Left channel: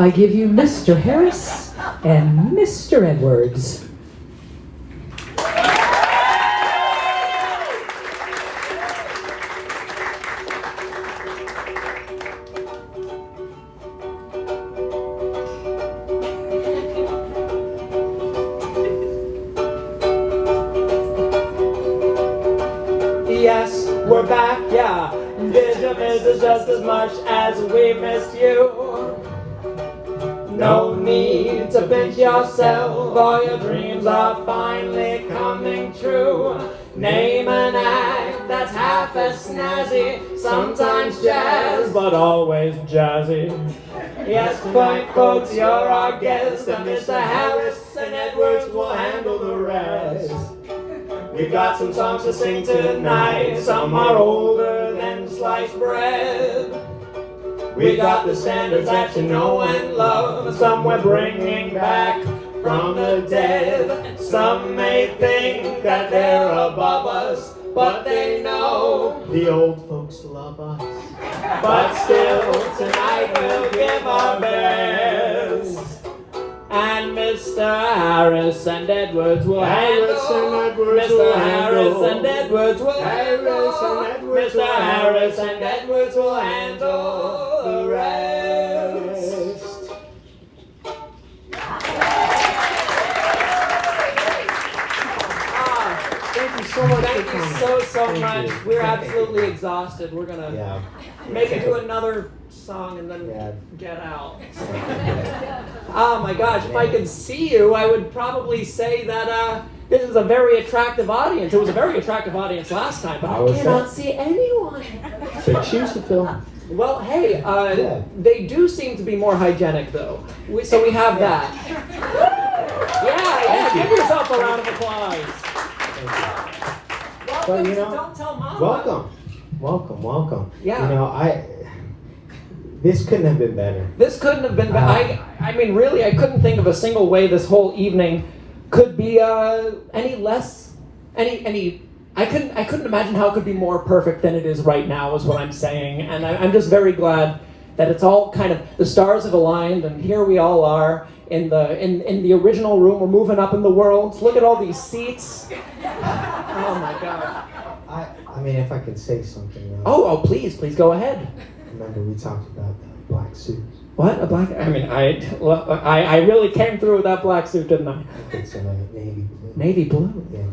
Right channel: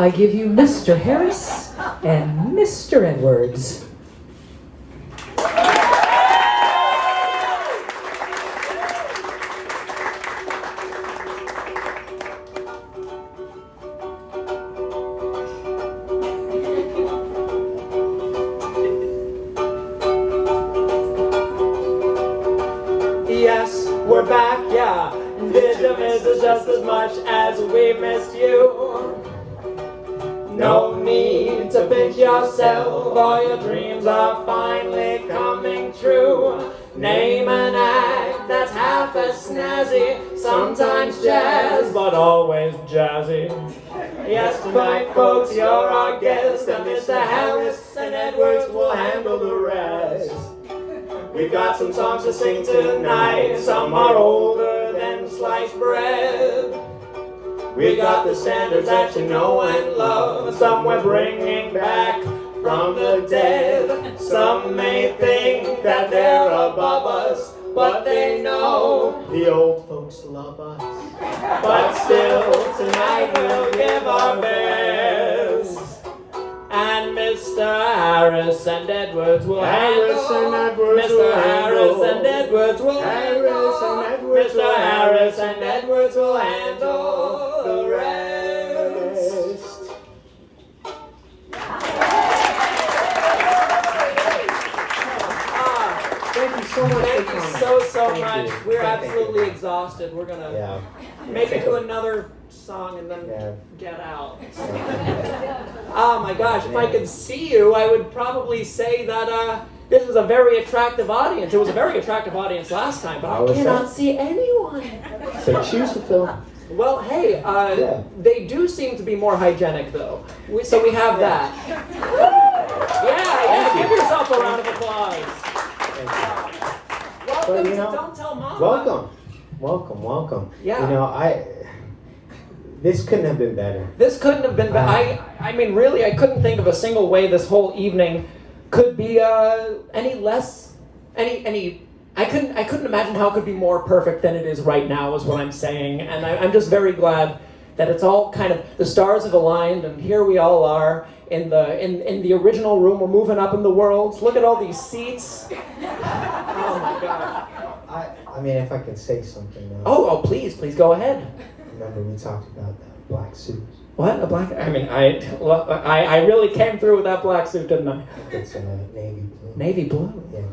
I give you Mr. Harris and Mr. Edwards. Yes, we're back, yeah. Did you miss us just as much as we missed you? No need to pinch yourself, all your dreams are finally coming true. Name an act that's half as snazzy, sometimes jazz, but always jazzy. Yes, fine folks, you're our guest, and Mr. Harris and Edwards will handle the rest. We've got some songs to sing tonight, some are older than sliced bread. We got the standards that you know and love, some we're bringing back from the dead. Some may think that they're above us, but they know the old folks love us. But still, tonight we'll give our best. And Mr. Harris and Edwards will handle. Mr. Harris and Edwards will handle. Mr. Harris and Edwards will handle the rest. Thank you so much Thank for you coming. so Thank much. you. We're Thank absolutely exhausted. We're gonna maybe do another song and then get out. Oh my gosh, if I could see you, I would probably say that this is a very attractive audience. It was a very attractive audience last time, but I cannot see anyone. So choose to film. Well, hey, they do seem to be more hygienic though. So we have that. Yeah, give yourself a round of applause. Well, But, you know, don't tell Mom. Welcome. Yeah. You know, this couldn't have been better. This couldn't have been bad. I mean, really, I couldn't think of a single way this whole evening could be any less, I couldn't imagine how it could be more perfect than it is right now, is what I'm saying. And I'm just very glad that it's all kind of, the stars have aligned, and here we all are in the original room. We're moving up in the world. Look at all these seats. Oh my God. I mean, if I can say something. Oh, please go ahead. Remember, we talked about the black suits. What? A black? I mean, I really came through with that black suit, didn't I? I think so, like navy blue. Navy blue? Yeah.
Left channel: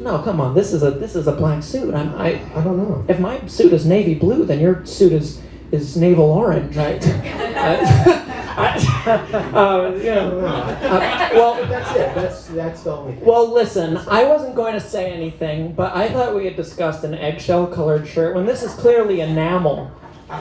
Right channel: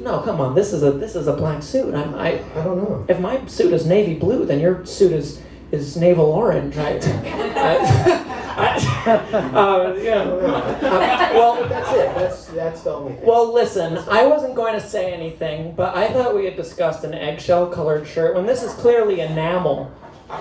No, come on. This is a black suit. I don't know. If my suit is navy blue, then your suit is navel orange, right? Well, that's it. That's the only thing. Well, listen, I wasn't going to say anything, but I thought we had discussed an eggshell-colored shirt when this is clearly enamel.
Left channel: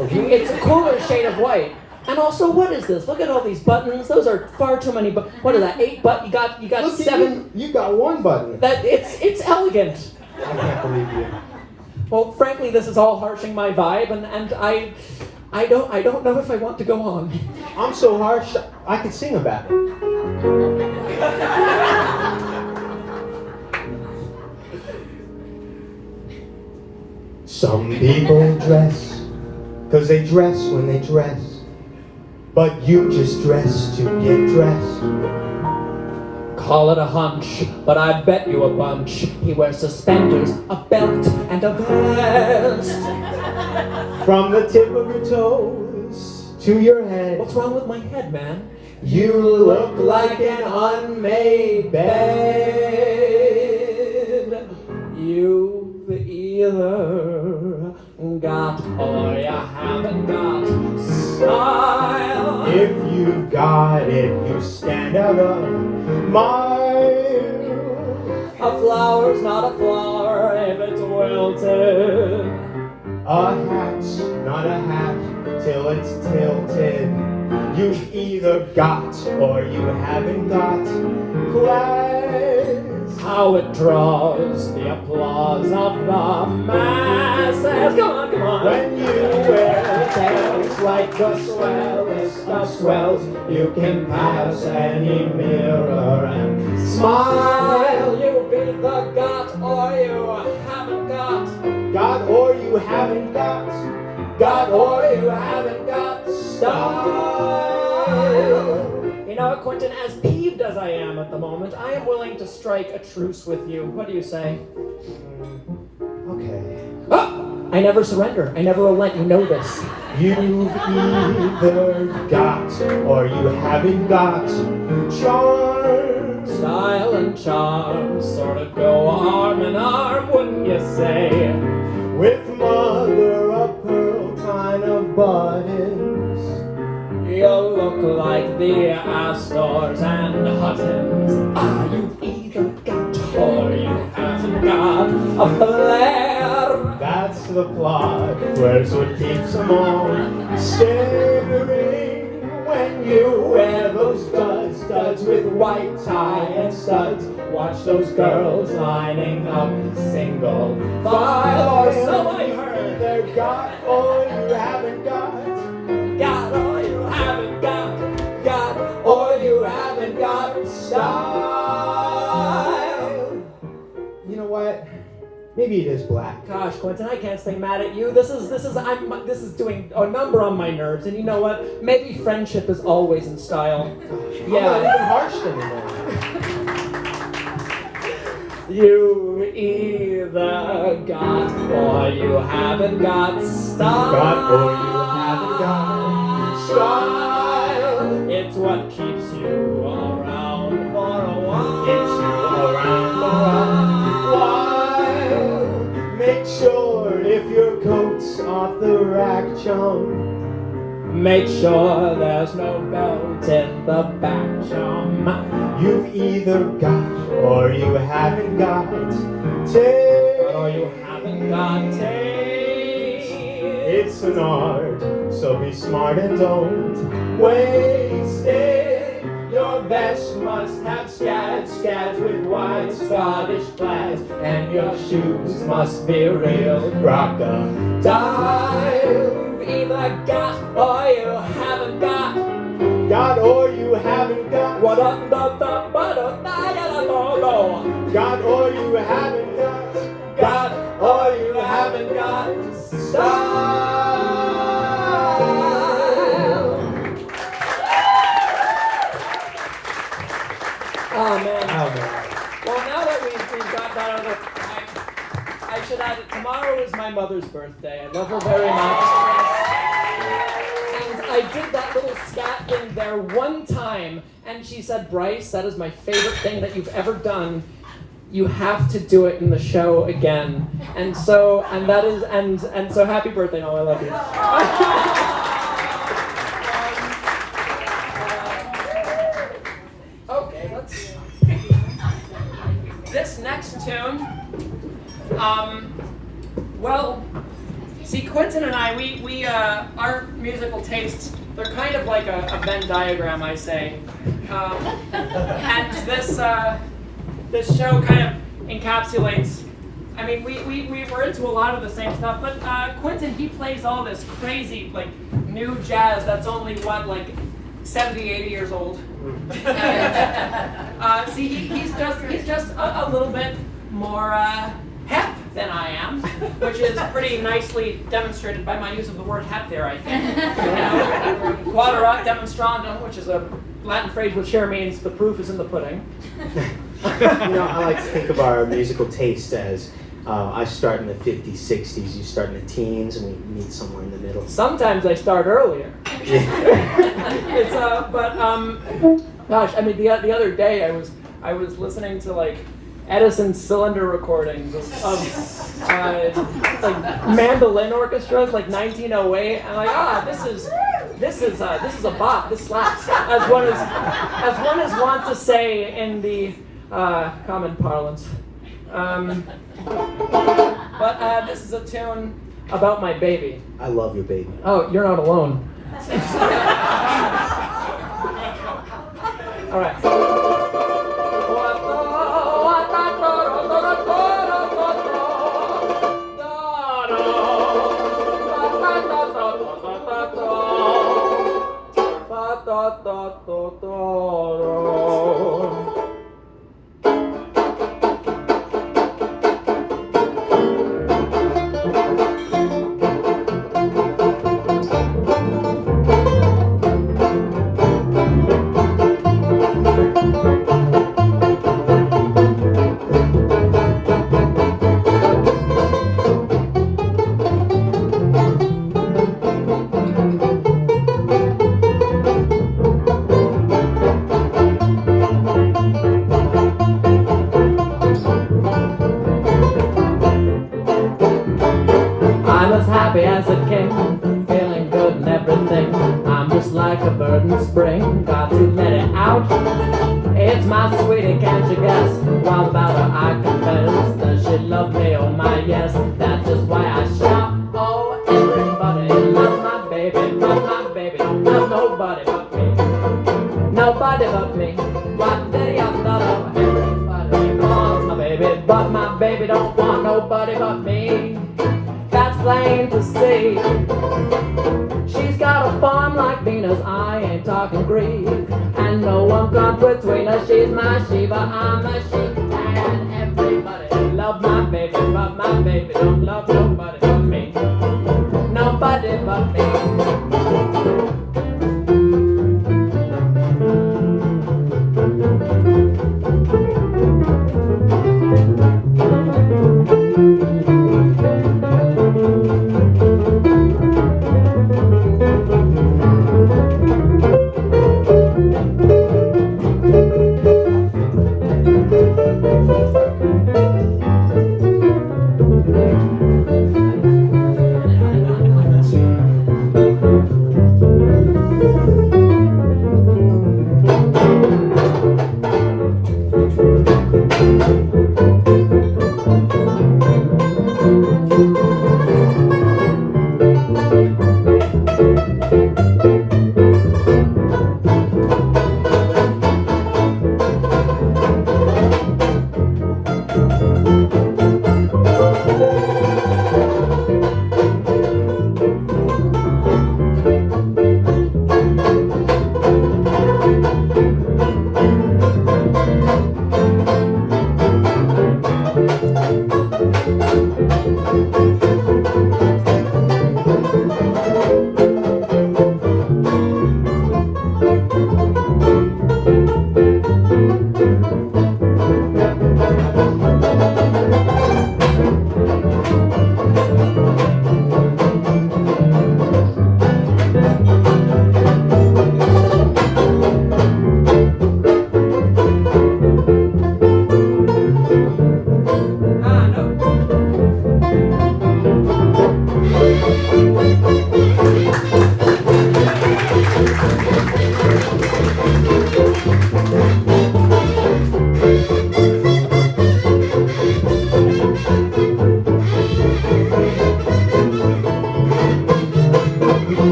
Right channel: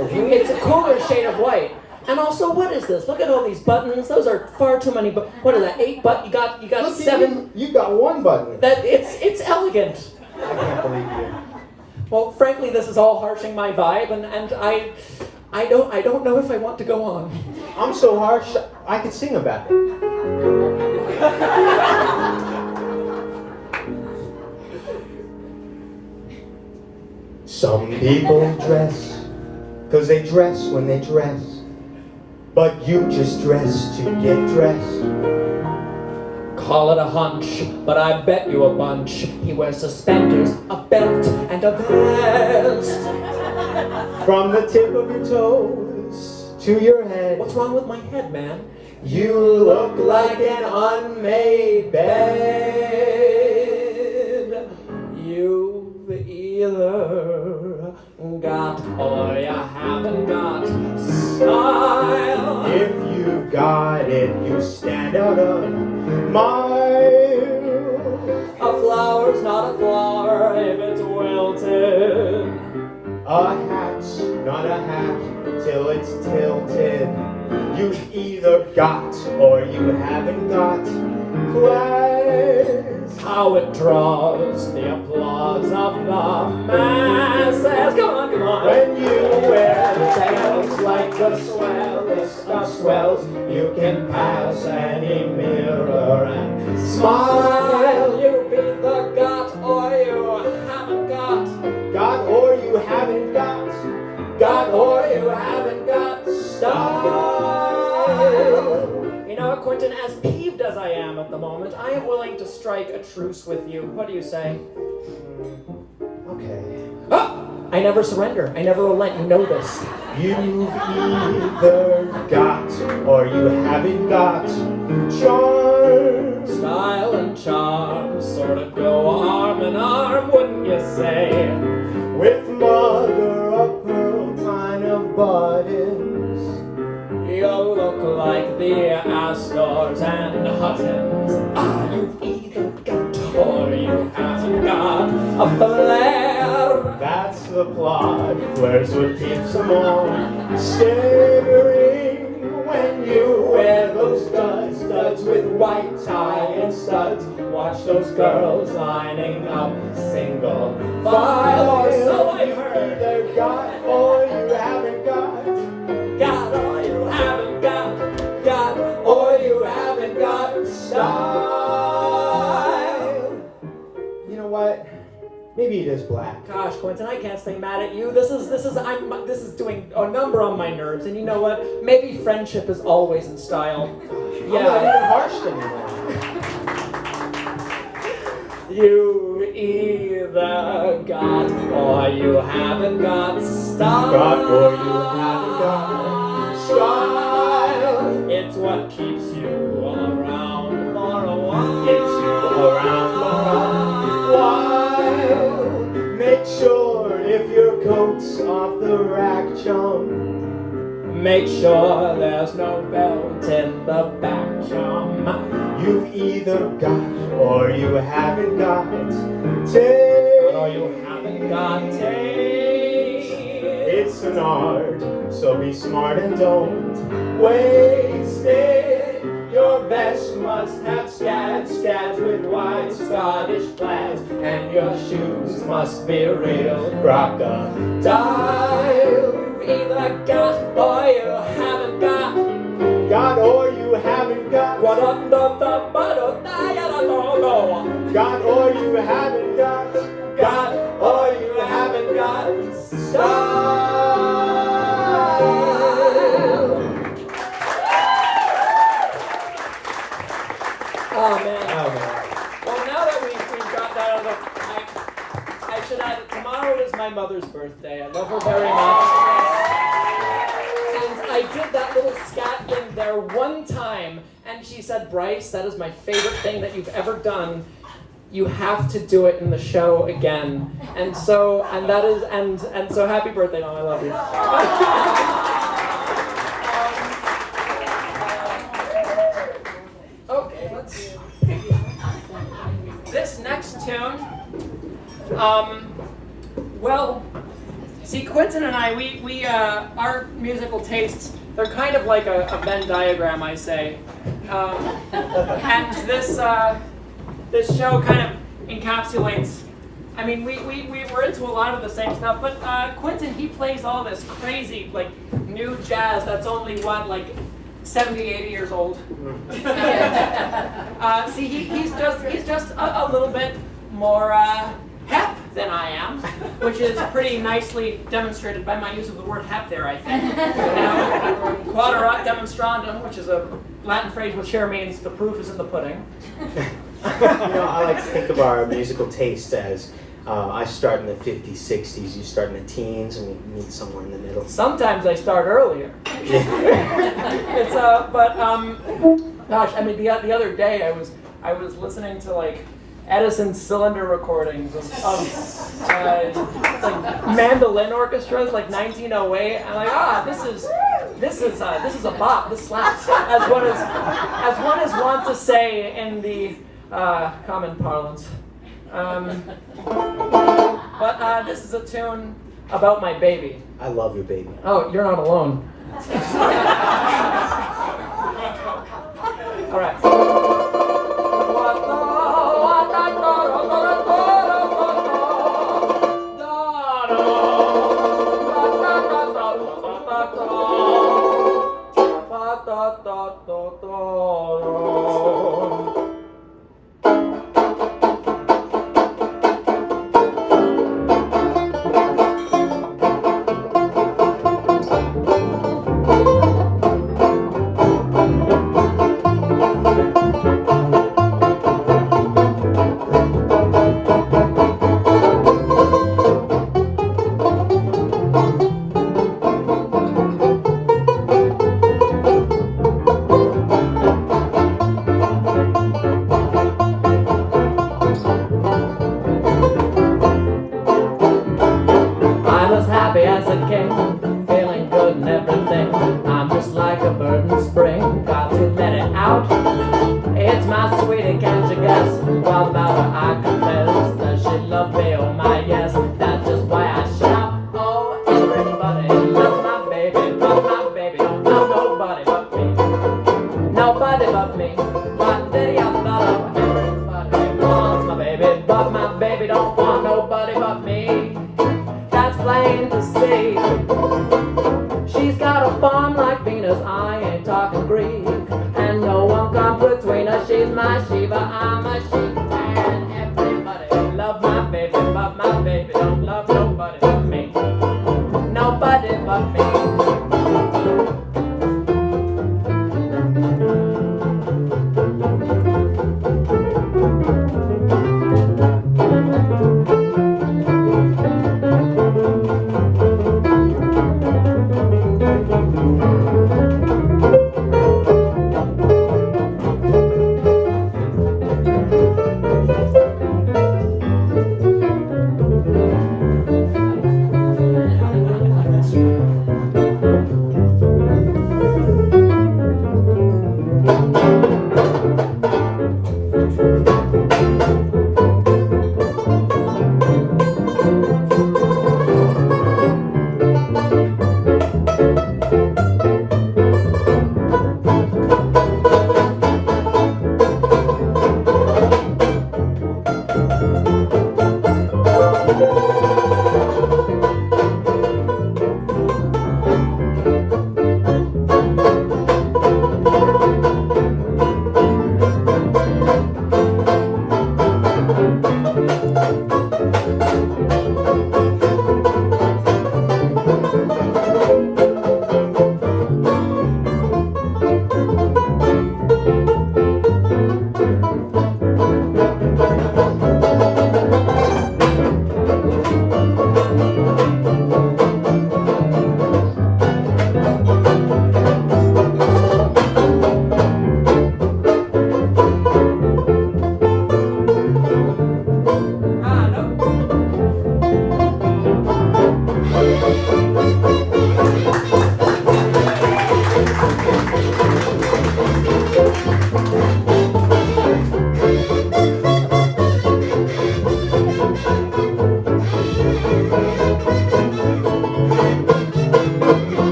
It's a cooler shade of white. And also, what is this? Look at all these buttons. Those are far too many. What are that? 8 buttons? You got Look, 7. You got one button. It's elegant. I can't believe you. Well, frankly, this is all harshing my vibe, and I don't know if I want to go on. I'm so harsh, I could sing about it. Some people dress, 'cause they dress when they dress. But you just dress to get dressed. Call it a hunch, but I bet you a bunch. He wears suspenders, a belt, and a vest. From the tip of your toes to your head. What's wrong with my head, man? You look like an unmade bed. You've either got or you haven't got style. If you've got it, you stand out of mile. A flower's not a flower if it's wilted. A hat's not a hat till it's tilted. You've either got or you haven't got class. How it draws the applause of the masses. Come on. When you wear tails like the swellest of swells, you can pass any mirror and smile. You've either got or you haven't got. Got or you haven't got. Got or you haven't got. style. You know what, Quintin, as peeved as I am at the moment, I am willing to strike a truce with you. What do you say? Okay. Oh, I never surrender. I never relent. You know this. You've either got or you haven't got charm. Style and charm sort of go arm in arm, wouldn't you say? With mother of pearl kind of buttons. You'll look like the Astors and Huttons. Ah, you've either got or you haven't got a flair. That's the plot. Flair's what keeps them on staring. When you wear those studs with white tie and studs. Watch those girls lining up single file. Or so I heard. They've got or you haven't got. Got or you haven't got. Got or you haven't got style. You know what? Maybe it is black. Gosh, Quintin, I can't stay mad at you. This is doing a number on my nerves. And you know what? Maybe friendship is always in style. I'm not Yeah. even harshed anymore. You either got or you haven't got style. Got or you haven't got style. It's what keeps you around for a while. Keeps you around for a while. Make sure if your coat's off the rack, chum. Make sure there's no belt in the back, chum. You've either got or you haven't got. Take Or you haven't got taste. it's an art, so be smart and don't waste it. Your vest must have scads with wide Scottish plaids, and your shoes must be real crocodile. Either got or you haven't got. Got or you haven't got. What up, da da ba da da da da da. Got or you haven't got. Got or you haven't got style. Oh man. Oh man. Well, now that we've got that under, I should add that tomorrow is my mother's birthday. I love her very much. And I did that little scat thing there one time, and she said, "Bryce, that is my favorite thing that you've ever done. You have to do it in the show again." And so happy birthday, Mom. I love you. Okay, let's. This next tune, well, see, Quintin and I, we our musical tastes, they're kind of like a Venn diagram, I say. And this show kind of encapsulates, I mean, we were into a lot of the same stuff, but Quintin, he plays all this crazy, like, new jazz that's only, like 70, 80 years old. See, he's just a little bit more hep than I am, which is pretty nicely demonstrated by my use of the word hep there, I think. You know, quaderat demonstrandum, which is a Latin phrase which here means the proof is in the pudding. I like to think of our musical taste as I start in the 50s, 60s, you start in the teens, and we meet somewhere in the middle. Sometimes I start earlier. It's gosh, I mean, the other day I was listening to like Edison cylinder recordings of like mandolin orchestras, like 1908. I'm like, this is a bop. This slaps. As one is wont to say in the common parlance. But this is a tune about my baby. I love your baby. Oh, you're not alone. All right. like a bird in spring. Got to let it out. It's my sweetie, can't you guess? What about her I confess? Does she love me? Oh my yes. That's just why I shout. Oh, everybody loves my baby, but my baby don't love nobody but me. Nobody but me. But then I thought of everybody wants my baby, but my baby don't want nobody but me. That's plain to see. She's got a farm like Venus, I ain't talking Greek. And no one comes between us, she's my Shiva, I'm a sheep. And everybody love my baby, but my baby don't love nobody but me. Nobody but me.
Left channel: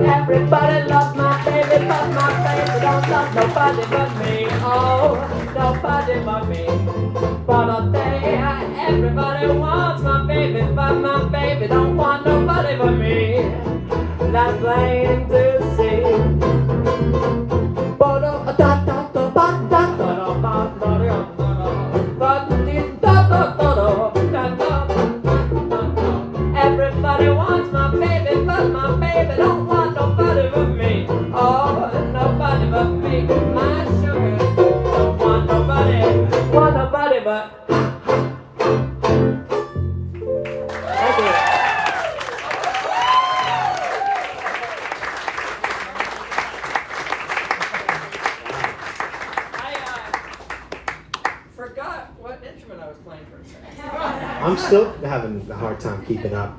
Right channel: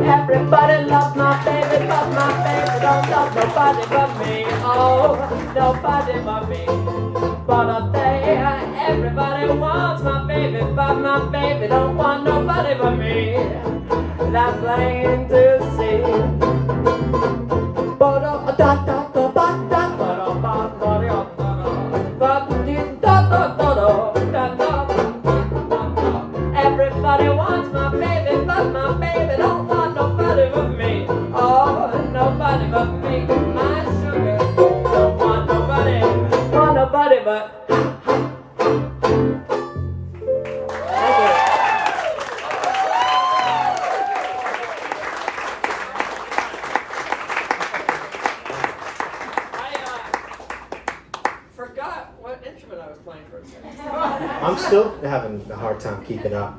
Everybody loves my baby, but my baby don't love nobody but me. Oh, nobody but me. But a day, everybody wants my baby, but my baby don't want nobody but me. That's plain to see. Everybody wants my baby, but my baby don't want nobody but me. Oh, nobody but me. My sugar don't want nobody but. Forgot what instrument I was playing for a second. I'm still having a hard time keeping up.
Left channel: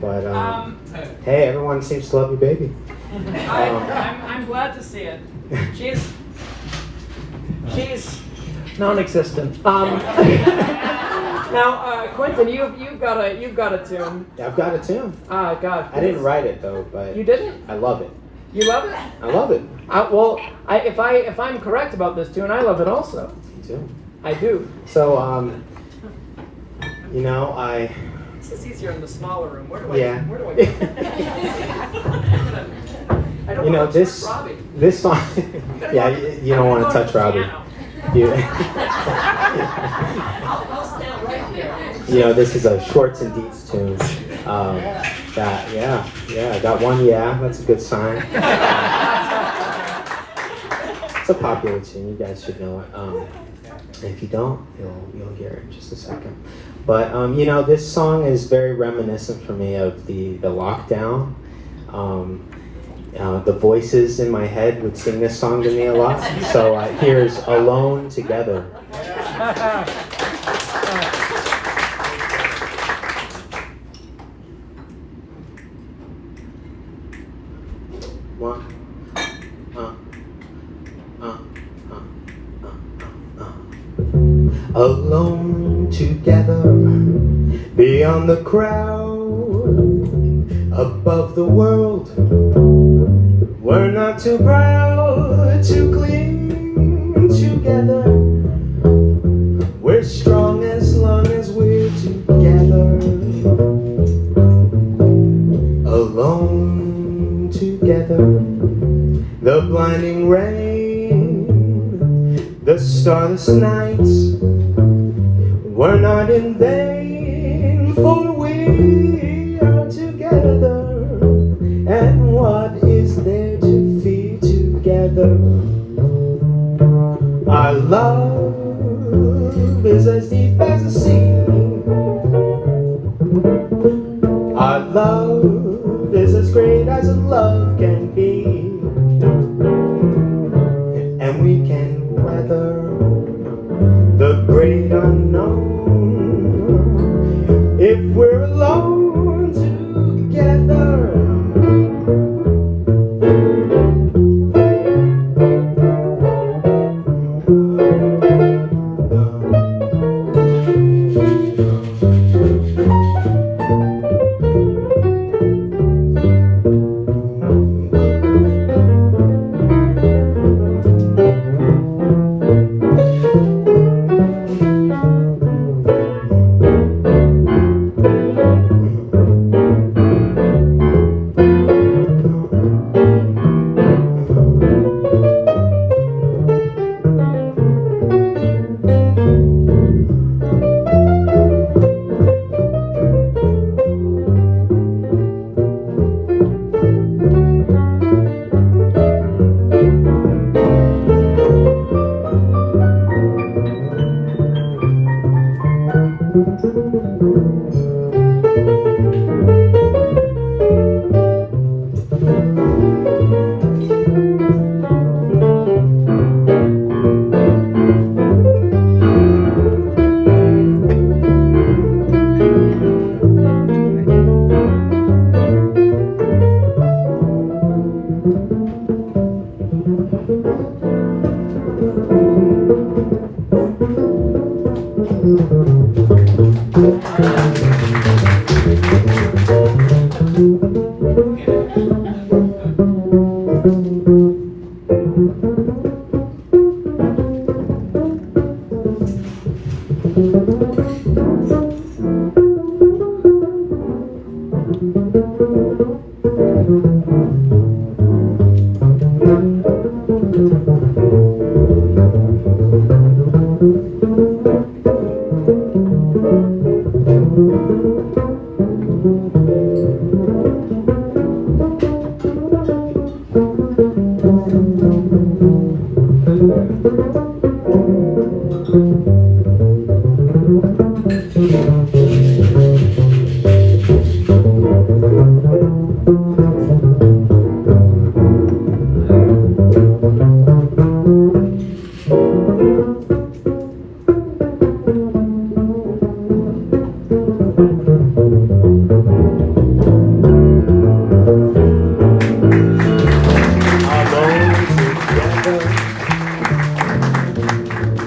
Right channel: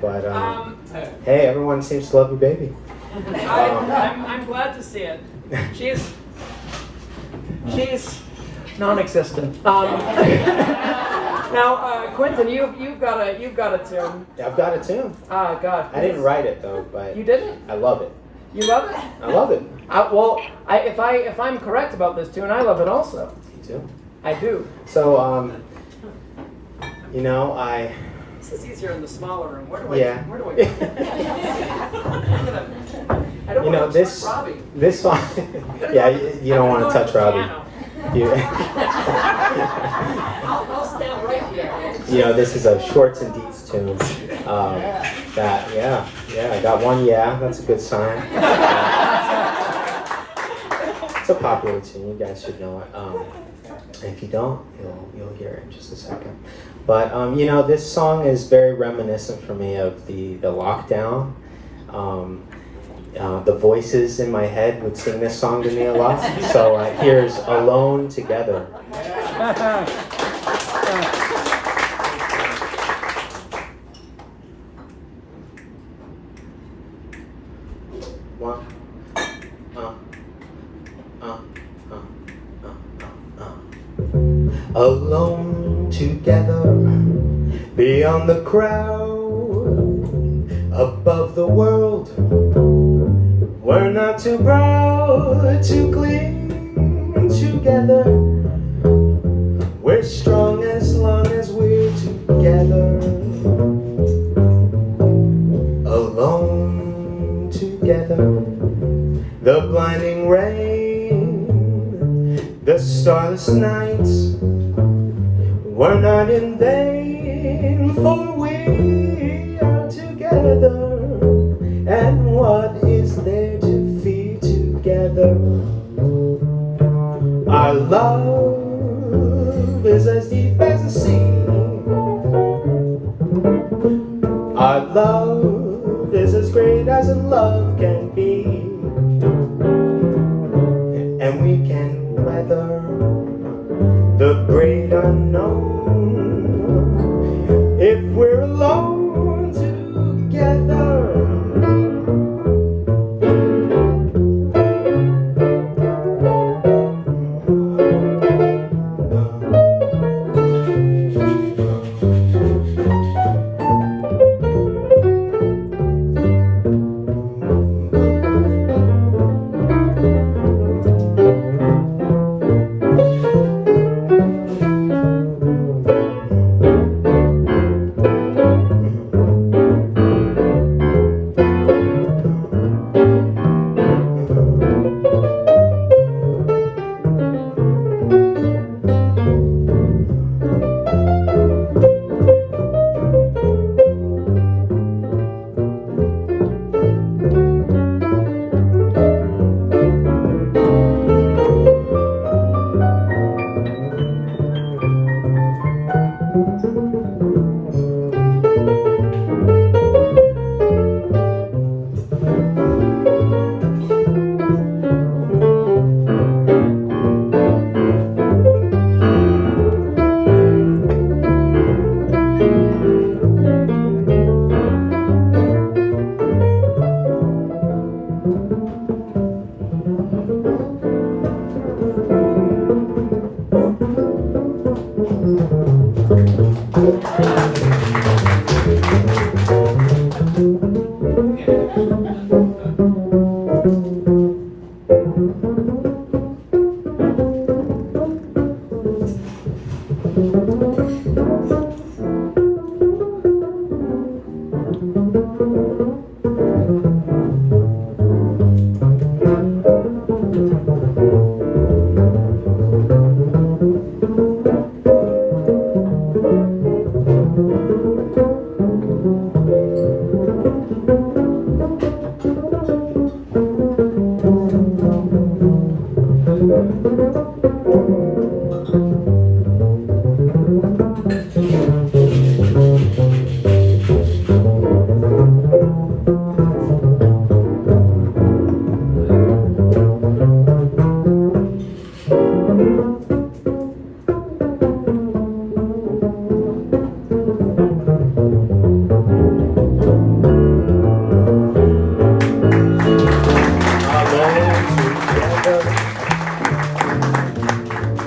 But hey, everyone seems to love your baby. I'm glad to see it. She's non-existent. Now, Quintin, you've got a tune. I've got a tune. Ah, God. I didn't write it though, but You didn't? I love it. You love it? I love it. If I'm correct about this tune, I love it also. Me too. I do. So This is easier in the smaller room. Where do I? Yeah. Where do I go? I don't want to touch Robbie. This song. Yeah, you don't want to touch Robbie. I'll stand right here. This is a Shorts and Deets tune. I got one. Yeah, that's a good sign. It's a popular tune. You guys should know it. And if you don't, you'll hear it in just a second. But this song is very reminiscent for me of the lockdown, The voices in my head would sing this song to me a lot. So here's Alone Together. One. Alone together, beyond the crowd, above the world. We're not too proud to cling together. We're strong as long as we're together. Alone together, the blinding rain, the starless nights were not in vain, for we are together. And what is there to feel together? Our love is as deep as the sea. Our love is as great as a love can be. And we can weather the great unknown if we're alone together.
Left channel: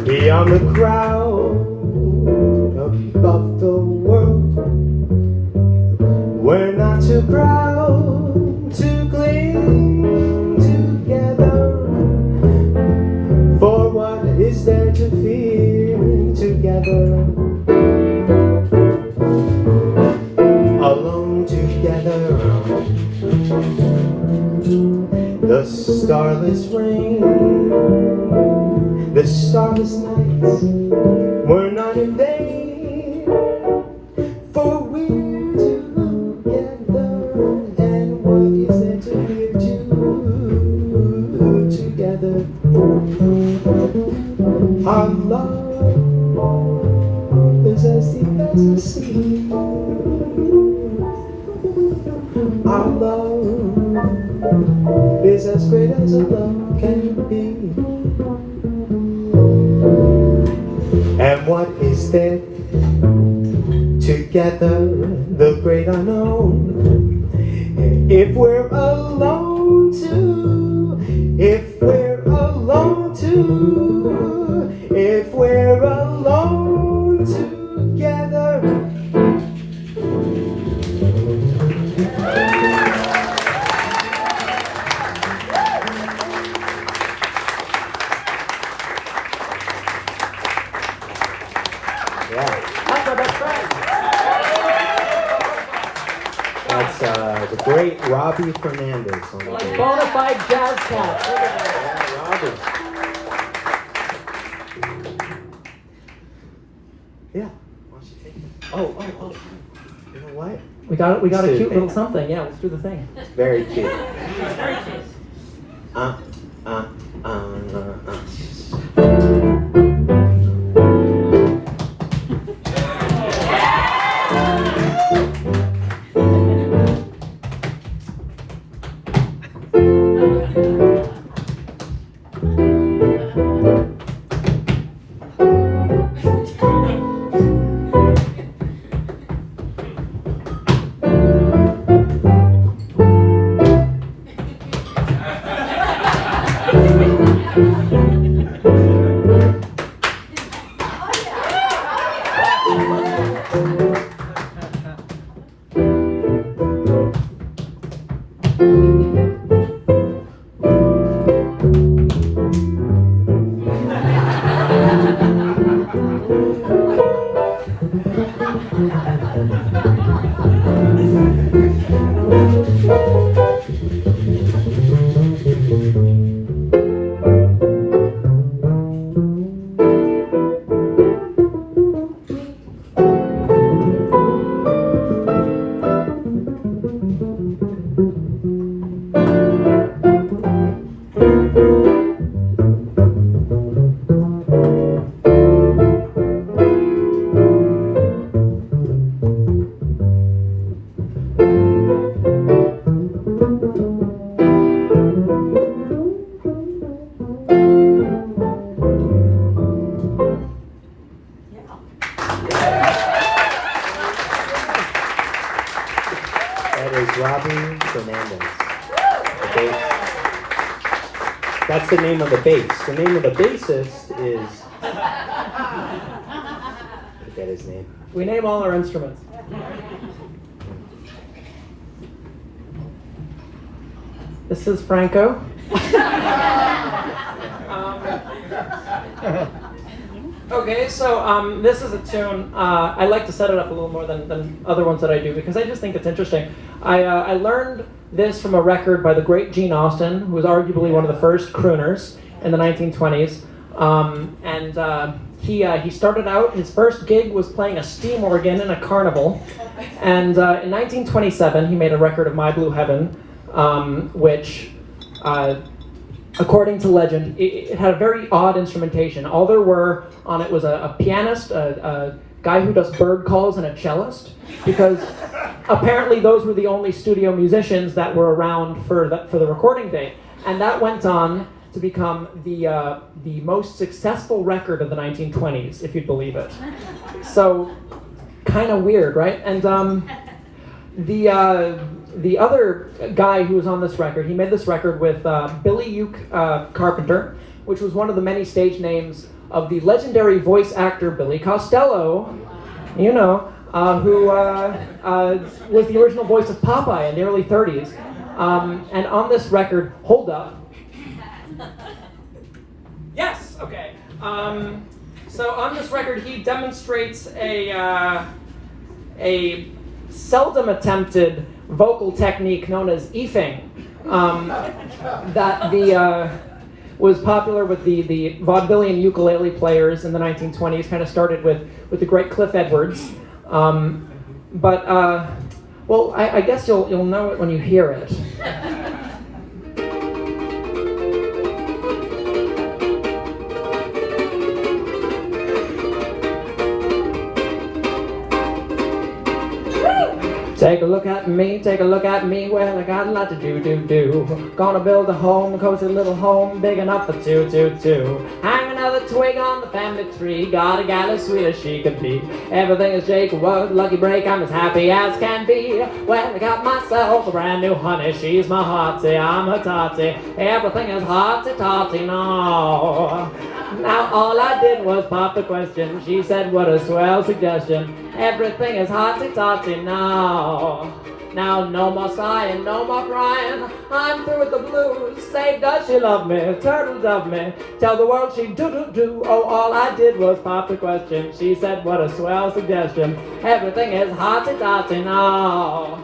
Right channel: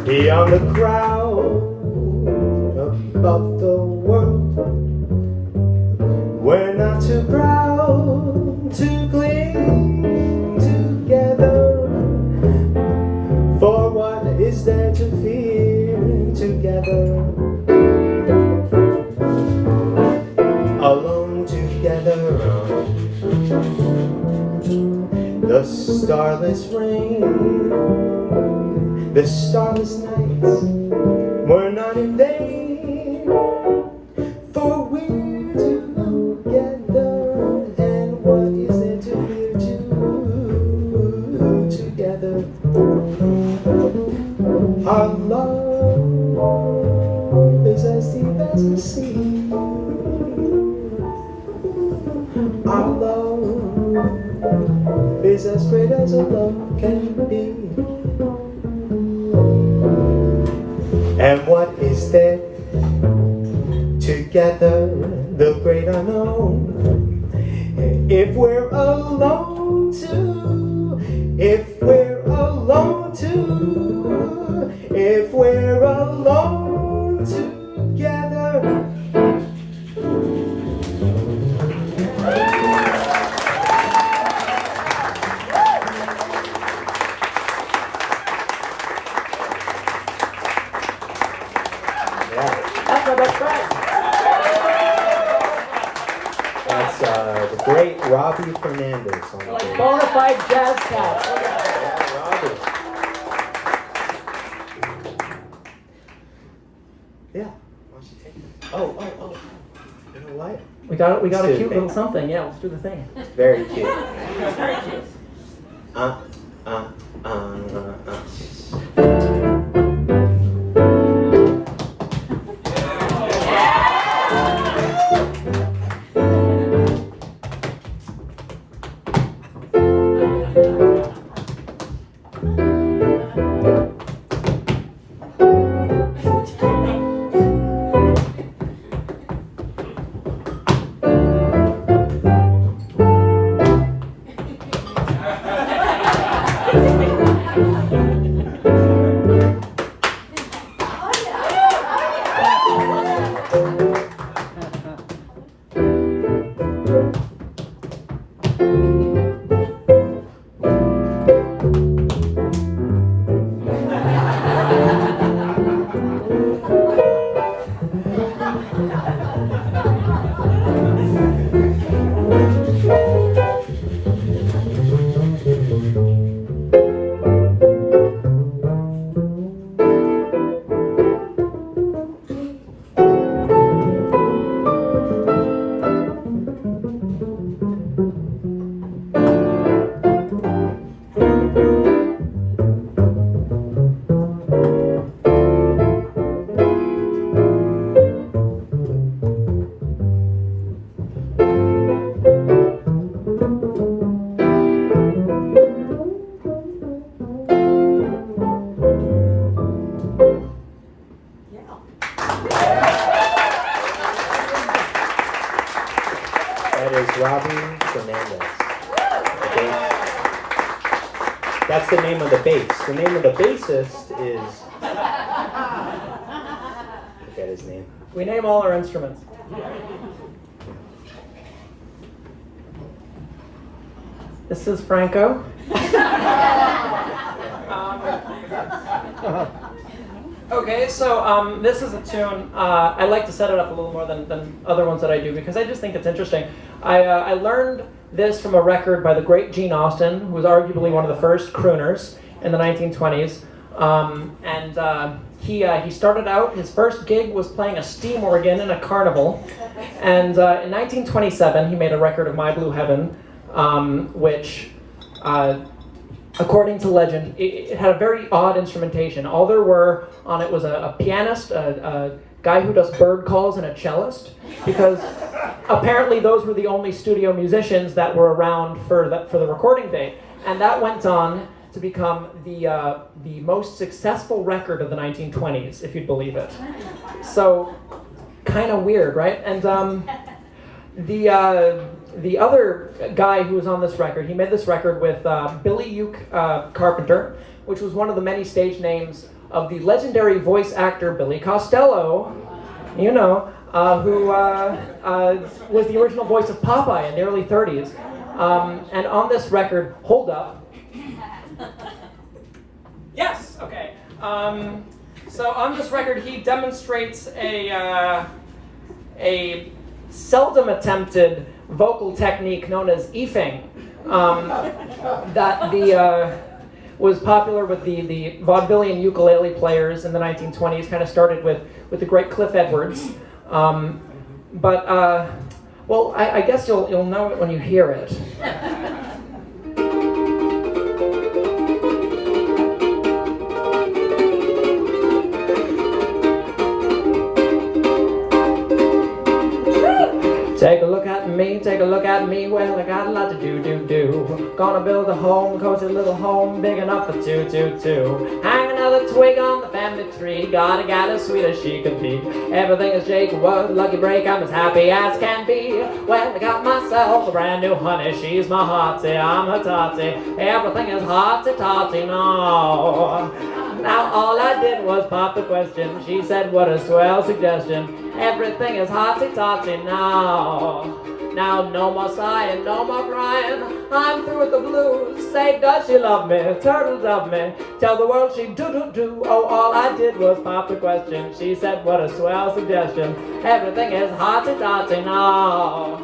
Beyond the crowd, above the world, we're not too proud to cling together. For what is there to fear together? Alone together, the starless rain, the starless nights were not in vain, for we're together. And what is there to fear together? Our love is as deep as the sea. Our love is as great as a love can be. And what is there? Together, the great unknown. If we're alone too, if we're alone too, if we're alone together. That's my best friend. That's the great Robbie Fernandez on the Like bass. bona fide jazz cats. Look at that. Yeah, Robbie. Yeah. Why don't you take it? Oh. You know what? We got a Let's do cute the little thing. something. Yeah, let's do the thing. It's very cute. That is Robbie Fernandez. The bass. That's the name of the bass. The name of the bassist is. Forget his name. We name all our instruments. This is Franco. Okay, so this is a tune. I like to set it up a little more than other ones that I do because I just think it's interesting. I learned this from a record by the great Gene Austin, who was arguably one of the first crooners in the 1920s. He started out, his first gig was playing a steam organ in a carnival. And in 1927, he made a record of My Blue Heaven, which, according to legend, it had a very odd instrumentation. All there were on it was a pianist, a guy who does bird calls, and a cellist, because apparently those were the only studio musicians that were around for the recording date. And that went on to become the most successful record of the 1920s, if you'd believe it. So, kind of weird, right? And the other guy who was on this record, he made this record with Billy Uke Carpenter, which was one of the many stage names of the legendary voice actor Billy Costello, you know, who was the original voice of Popeye in the early 30s. And on this record, hold up. Yes, okay. So on this record, he demonstrates a seldom attempted vocal technique known as eefing that was popular with the vaudevillian ukulele players in the 1920s. Kind of started with the great Cliff Edwards, but well, I guess you'll know it when you hear it. Take a look at me, take a look at me. Well, I got a lot to do. Gonna build a home, cozy little home, big enough for two. Hang another twig on the family tree. Got a gal as sweet as she could be. Everything is Jacob Wood, lucky break, I'm as happy as can be. Well, I got myself a brand new honey. She's my hearty, I'm her totty. Everything is hearty-totty now. Now all I did was pop the question. She said, what a swell suggestion. Everything is hearty-totty now. Now no more sighing, no more crying. I'm through with the blues. Say, does she love me? Turtle dove me. Tell the world she do. Oh, all I did was pop the question. She said, what a swell suggestion. Everything is hearty-totty now.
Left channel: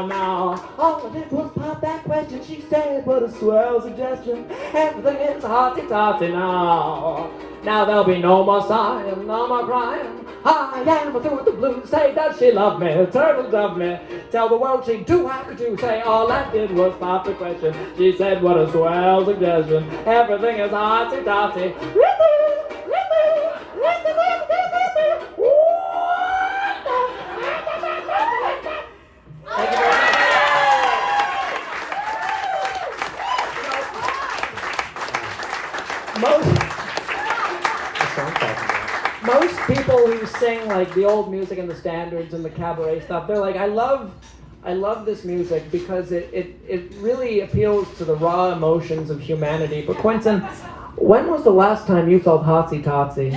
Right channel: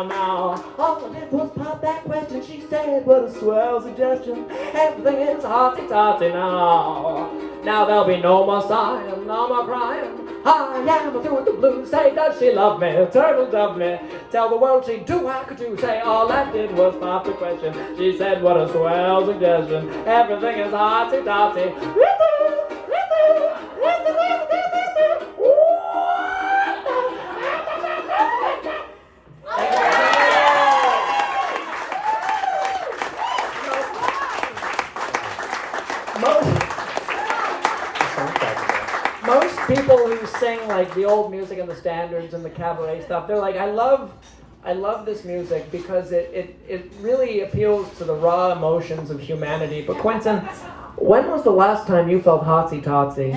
Now. All I did was pop that question. She said, what a swell suggestion. Everything is hearty-totty now. Now there'll be no more sighing, no more crying. I am through with the blues. Say, does she love me? Turtle dove me. Tell the world she do. How could you say? All I did was pop the question. She said, what a swell suggestion. Everything is hearty-totty. Most people who sing like the old music and the standards and the cabaret stuff, they're like, I love this music because it really appeals to the raw emotions of humanity. But Quintin, when was the last time you felt hotsy-totsy?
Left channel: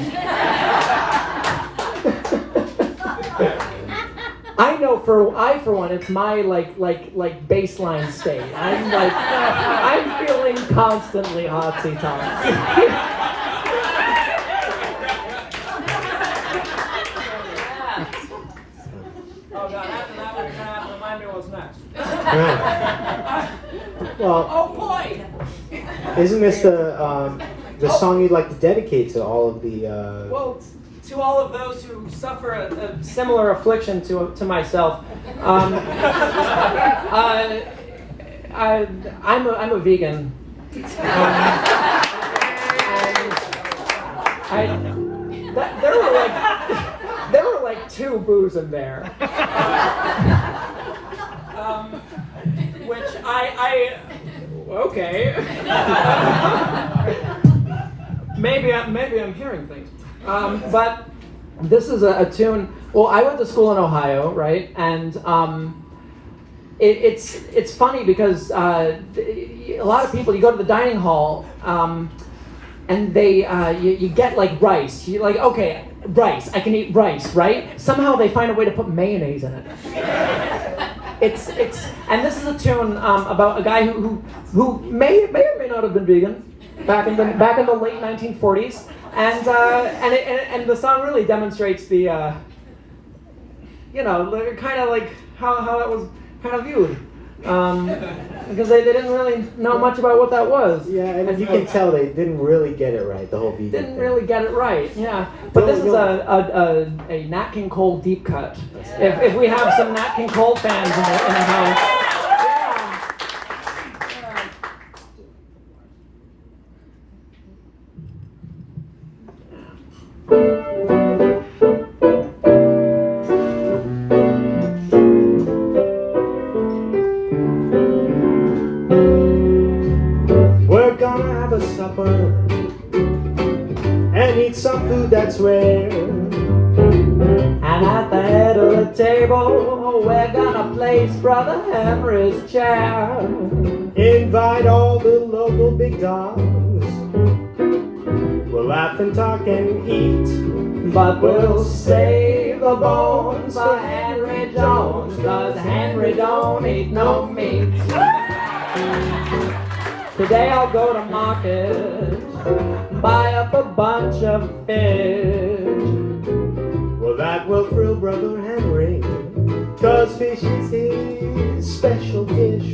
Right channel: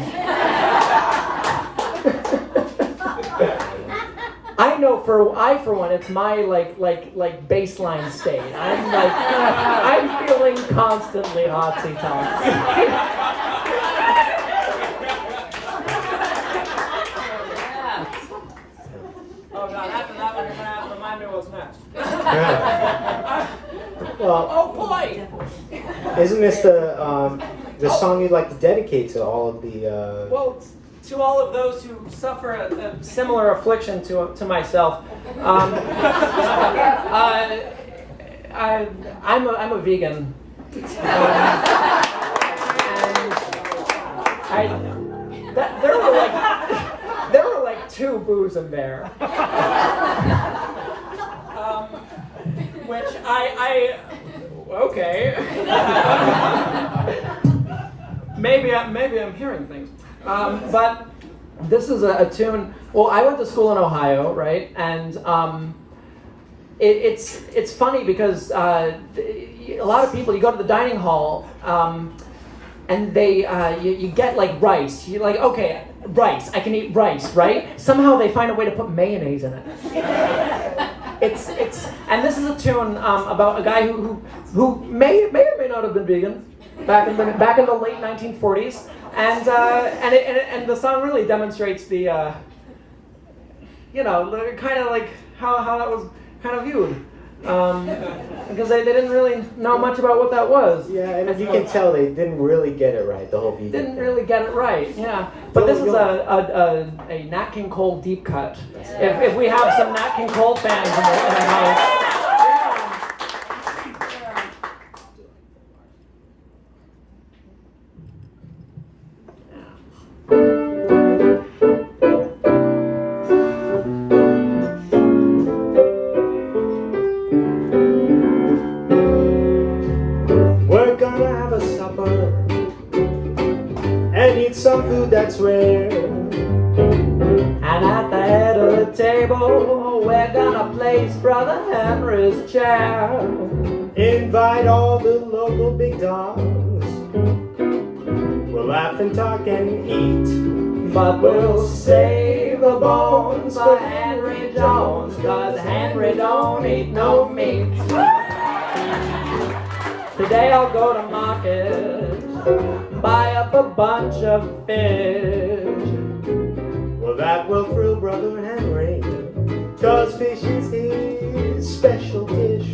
I know for one, it's my like baseline state. I'm feeling constantly hotsy-totsy. Oh God! After that one, you're gonna have to remind me what's next. Well, oh boy! Isn't this the song you'd like to dedicate to all of the? Well, to all of those who suffer a similar affliction to myself. I'm a vegan. And there were like 2 boos in there. Which okay. maybe I'm hearing things. But this is a tune. Well, I went to school in Ohio, right? And it's funny because a lot of people, you go to the dining hall, and they you get like rice. You're like, okay, rice. I can eat rice, right? Somehow they find a way to put mayonnaise in it. It's and this is a tune about a guy who may or may not have been vegan back in the late 1940s. And the song really demonstrates the, kind of like how that was kind of viewed, because they didn't really know much about what that was. Yeah, and you can tell they didn't really get it right. The whole vegan didn't thing. really get it right. Yeah, but this is a Nat King Cole deep cut. If we have some Nat King Cole fans in the house. We're gonna have a supper and eat some food that's rare. And at the head of the table, we're gonna place Brother Henry's chair. Invite all the local big dogs. We'll laugh and talk and eat, but we'll save the bones for Henry Jones, 'cause Henry don't eat no meat. Today I'll go to market, buy up a bunch of fish. Well, that will thrill Brother Henry, 'cause fish is his special dish.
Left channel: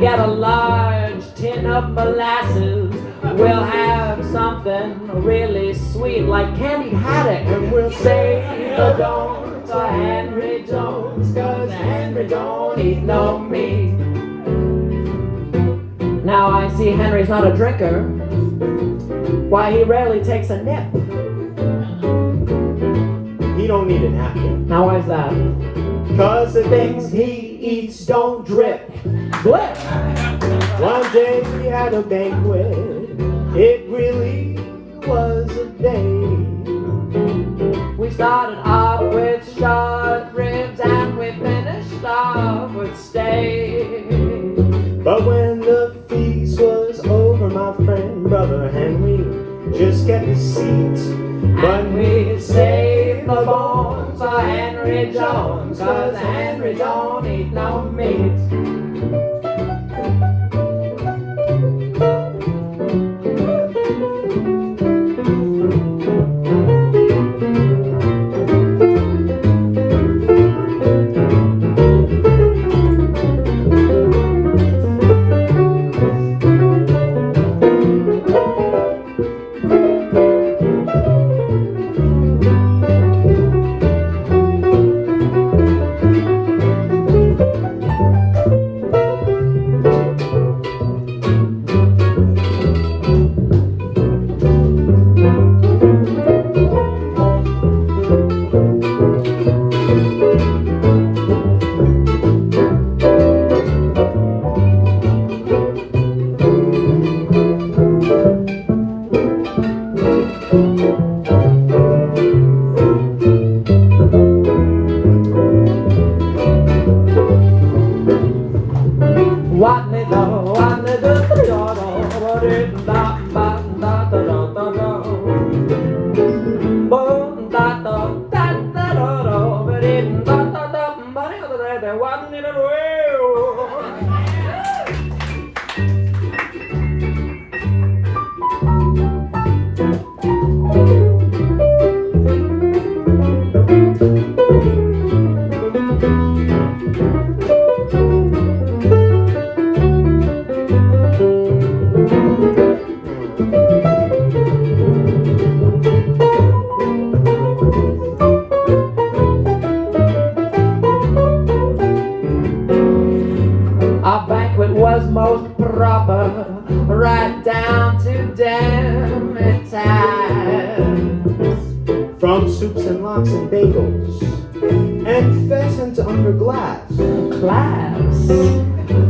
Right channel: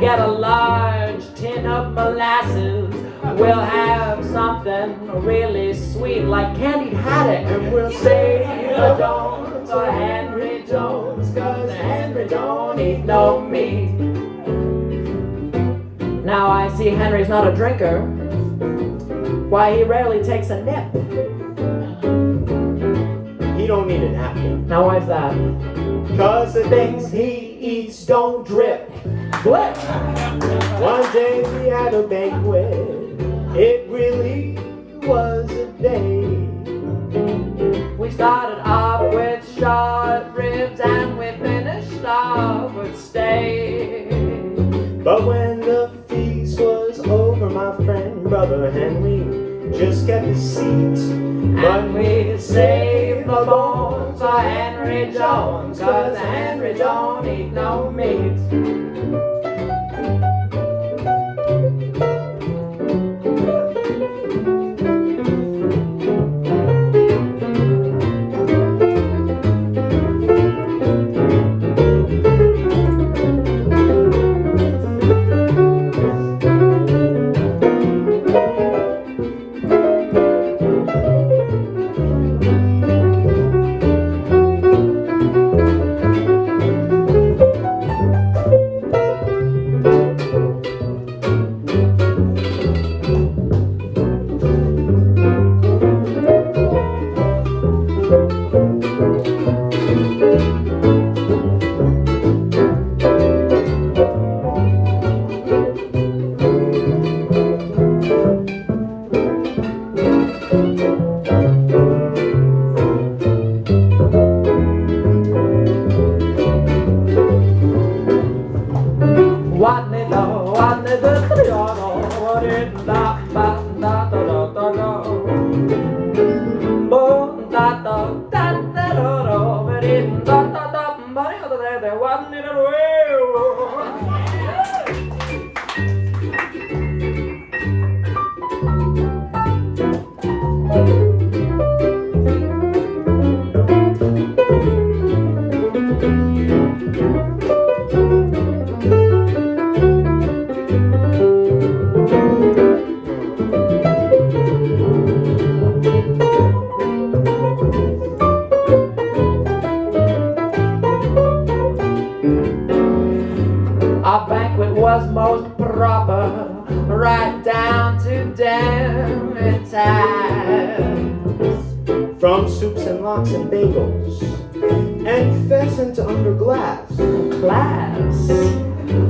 Get a large tin of molasses. We'll have something really sweet like candied haddock. And we'll Say the don't to Henry Jones, 'cause Henry don't eat no meat. Now I see Henry's not a drinker. Why, he rarely takes a nip. He don't need a napkin, Now why's that? 'cause the things he eats don't drip. Blip! One day we had a banquet. It really was a day. We started off with short ribs and we finished off with steak. But when the feast was over, my friend Brother Henry just kept his seat. And we saved the bones for Henry Jones, 'cause Henry don't eat no meat. Our banquet was most proper, right down to dinner time. From soups and lox and bagels and pheasant under glass. Class.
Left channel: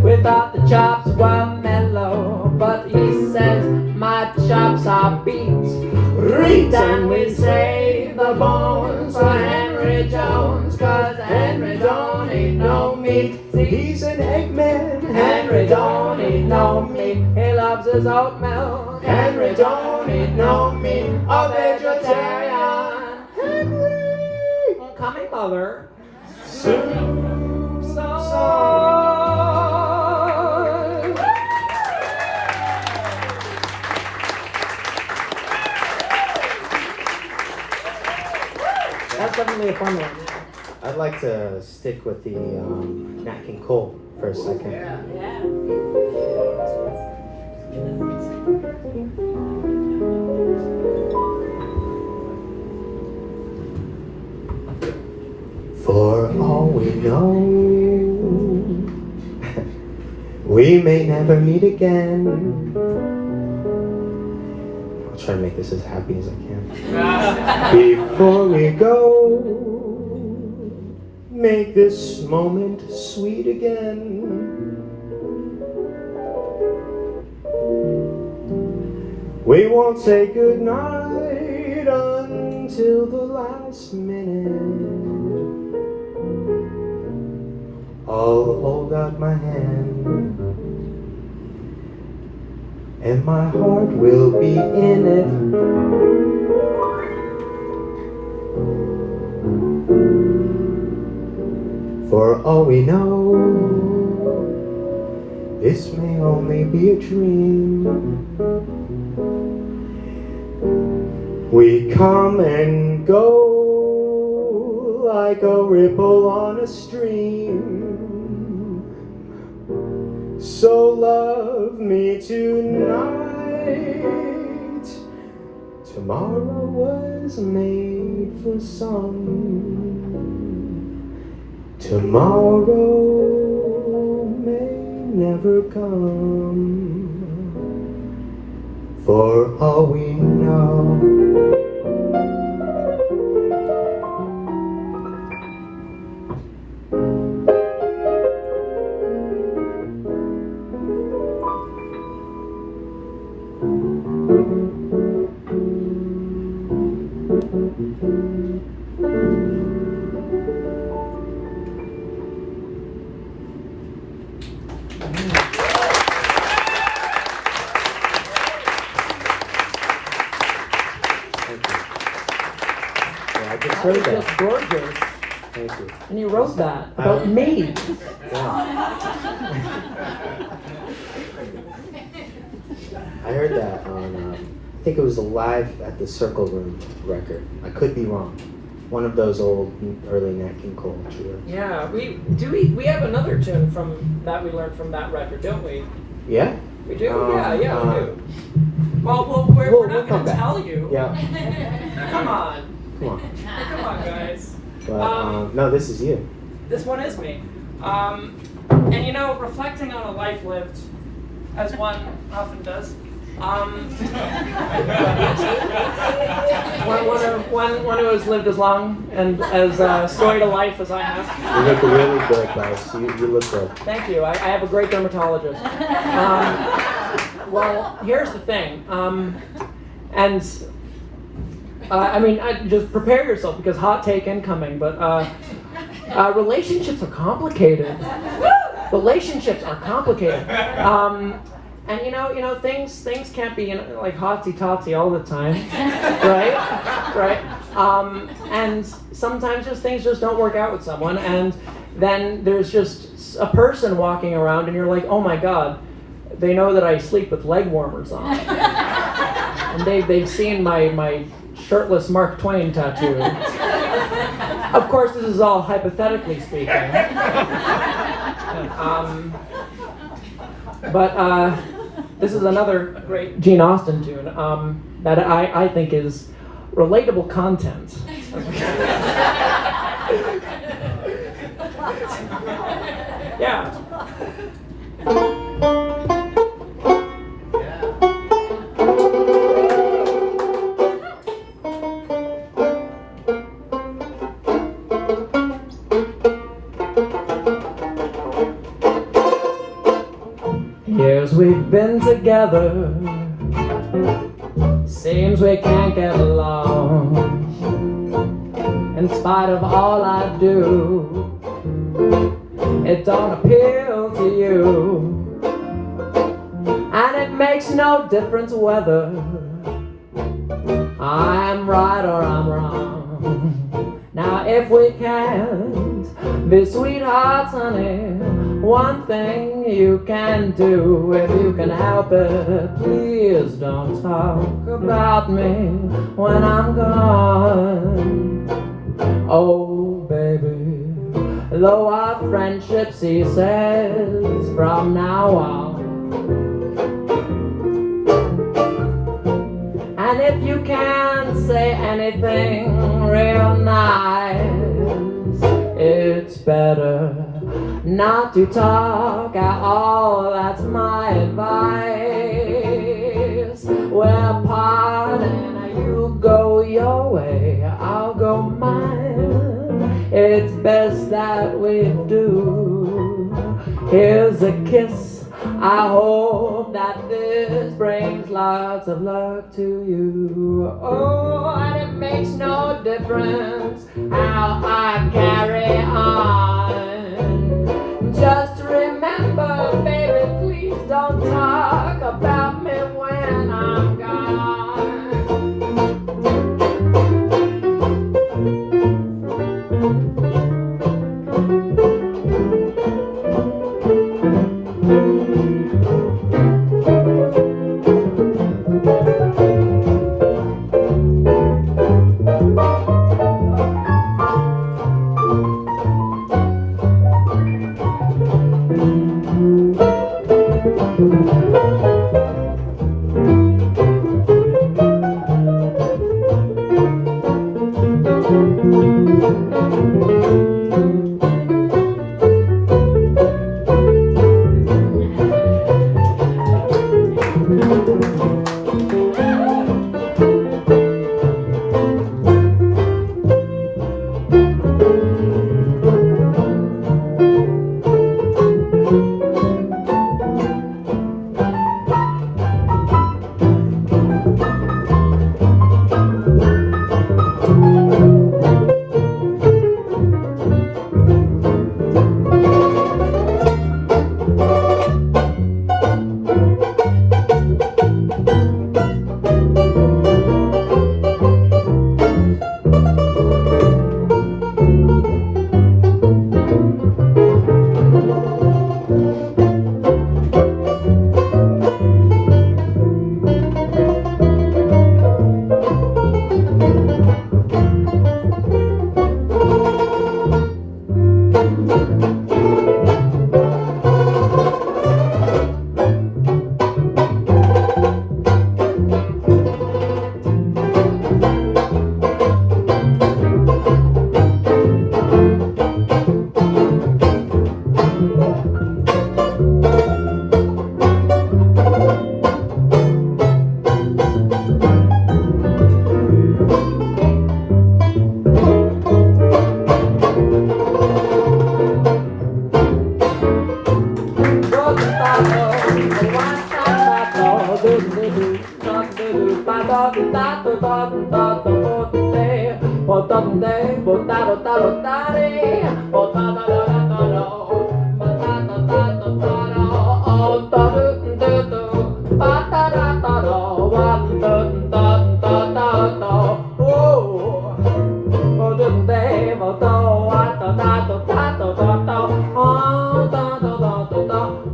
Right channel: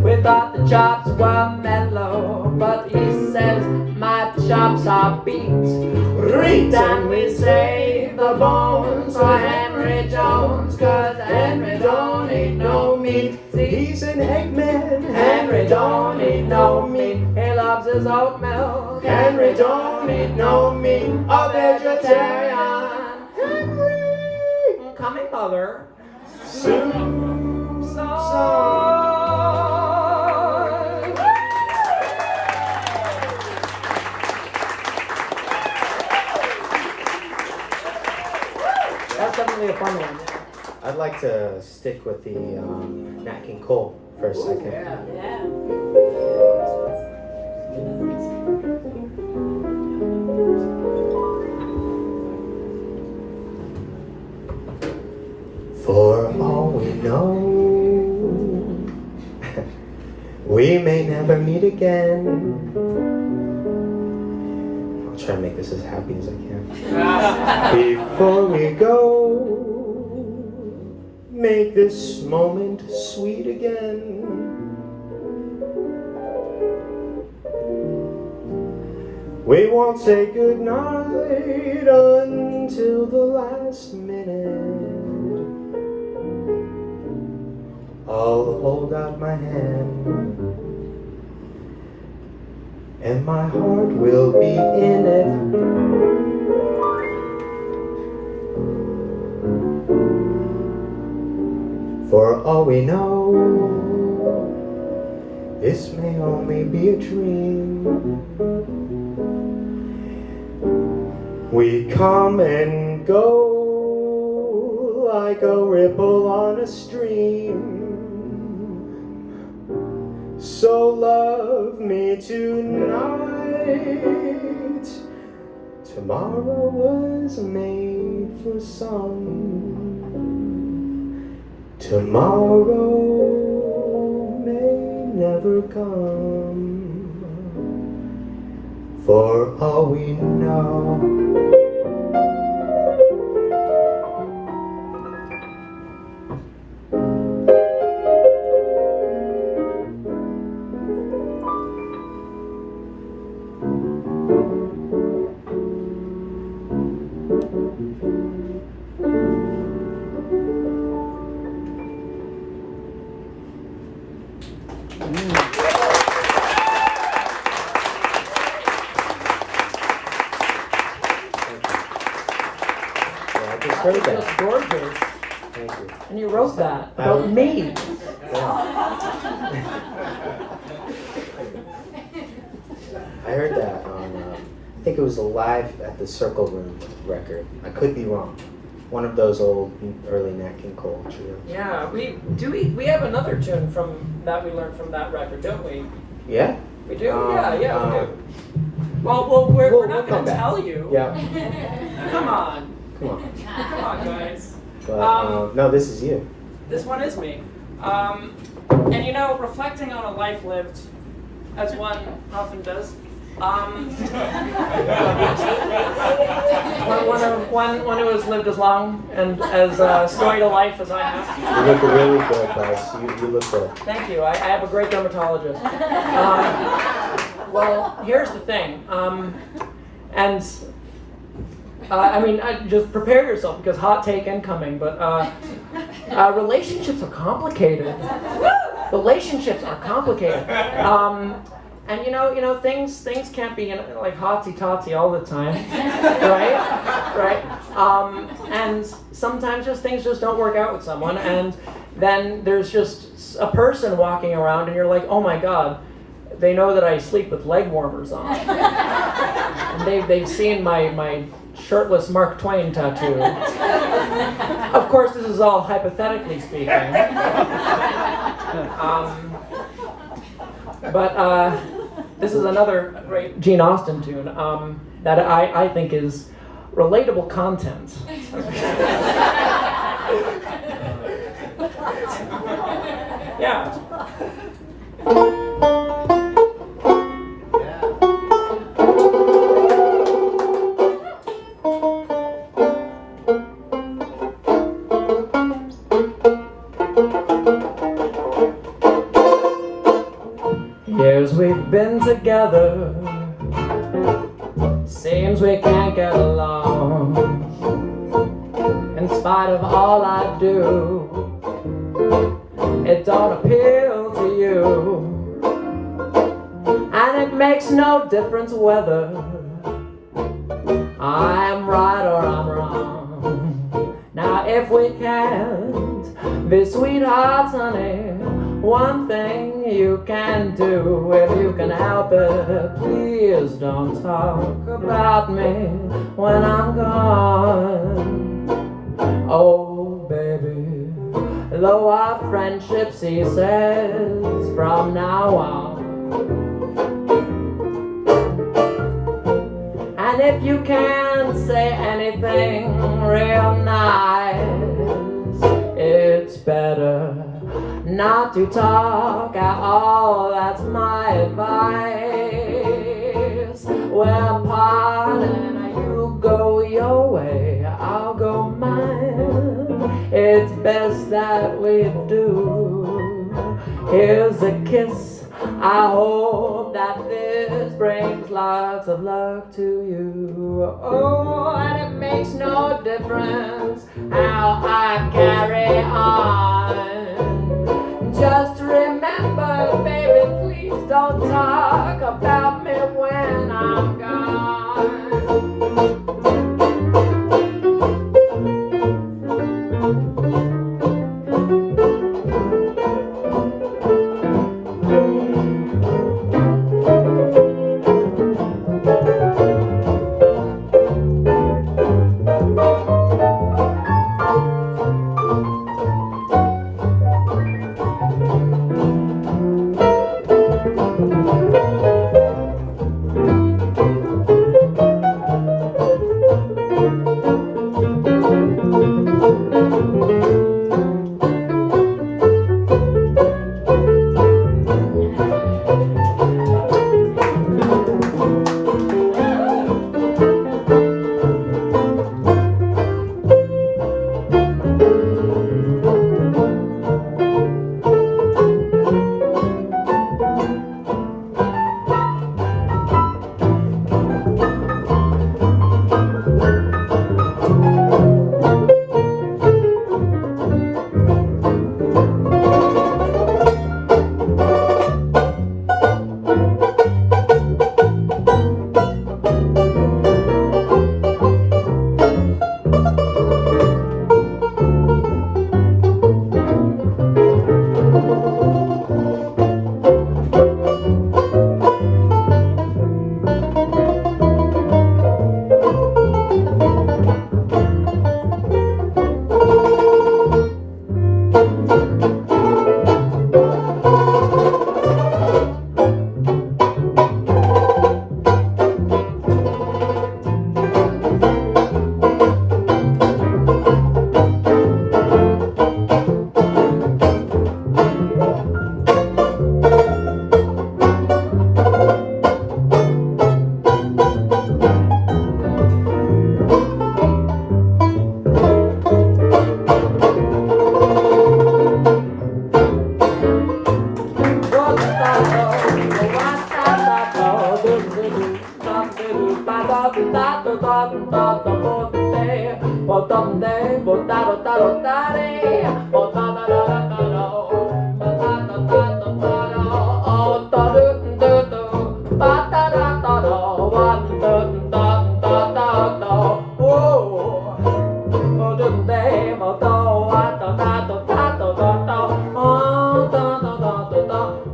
We thought the chops were mellow, but he says my chops are beat. Reet, and we save the bones for Henry Jones, 'cause Henry don't eat no meat. He's an Eggman. Henry don't eat no meat. He loves his oat milk. Henry don't eat no meat. A vegetarian. Henry, coming mother. Soup song. That's definitely a fun one. I'd like to stick with the Nat King Cole for a second. For all we know, we may never meet again. I'll try and make this as happy as I can. Before we go, make this moment sweet again. We won't say goodnight until the last minute. I'll hold out my hand, and my heart will be in it. For all we know, this may only be a dream. We come and go like a ripple on a stream. So love me tonight. Tomorrow was made for some. Tomorrow may never come. For all we know. That was just gorgeous. Thank you. And you wrote that about me. Yeah. I heard that on, I think it was a Live at the Circle Room record. I could be wrong. One of those old early Nat King Cole tunes. Yeah, we have another tune from that we learned from that record, don't we? Yeah? We do? Yeah, we do. Well, we're not going to tell you. Yeah. Come on. Come on. Come on, guys. But, no, this is you. This one is me. And you know, reflecting on a life lived, as one often does, one who has lived as long and as storied a life as I have. You look really good, Bryce. You look good. Thank you. I have a great dermatologist. Well, here's the thing. Just prepare yourself because hot take incoming. But relationships are complicated. Relationships are complicated. And you know things can't be like hotsy-totsy all the time, right? And sometimes things just don't work out with someone, and then there's just a person walking around, and you're like, oh my God, they know that I sleep with leg warmers on, and they've seen my shirtless Mark Twain tattoo. Of course, this is all hypothetically speaking. But this is another great Gene Austen tune that I think is relatable content. Yeah. Years we've been together, seems we can't get along. In spite of all I do, it don't appeal to you. And it makes no difference whether I'm right or I'm wrong. Now if we can't be sweethearts, honey, one thing you can do, if you can help it, please don't talk about me when I'm gone. Oh baby, though our friendship ceases from now on. And if you can't say anything real nice, it's better not to talk at all, that's my advice. We're parting, you go your way, I'll go mine. It's best that we do. Here's a kiss, I hope that this brings lots of luck to you. Oh, and it makes no difference how I carry on. Just remember, baby, please don't talk about me when I'm gone.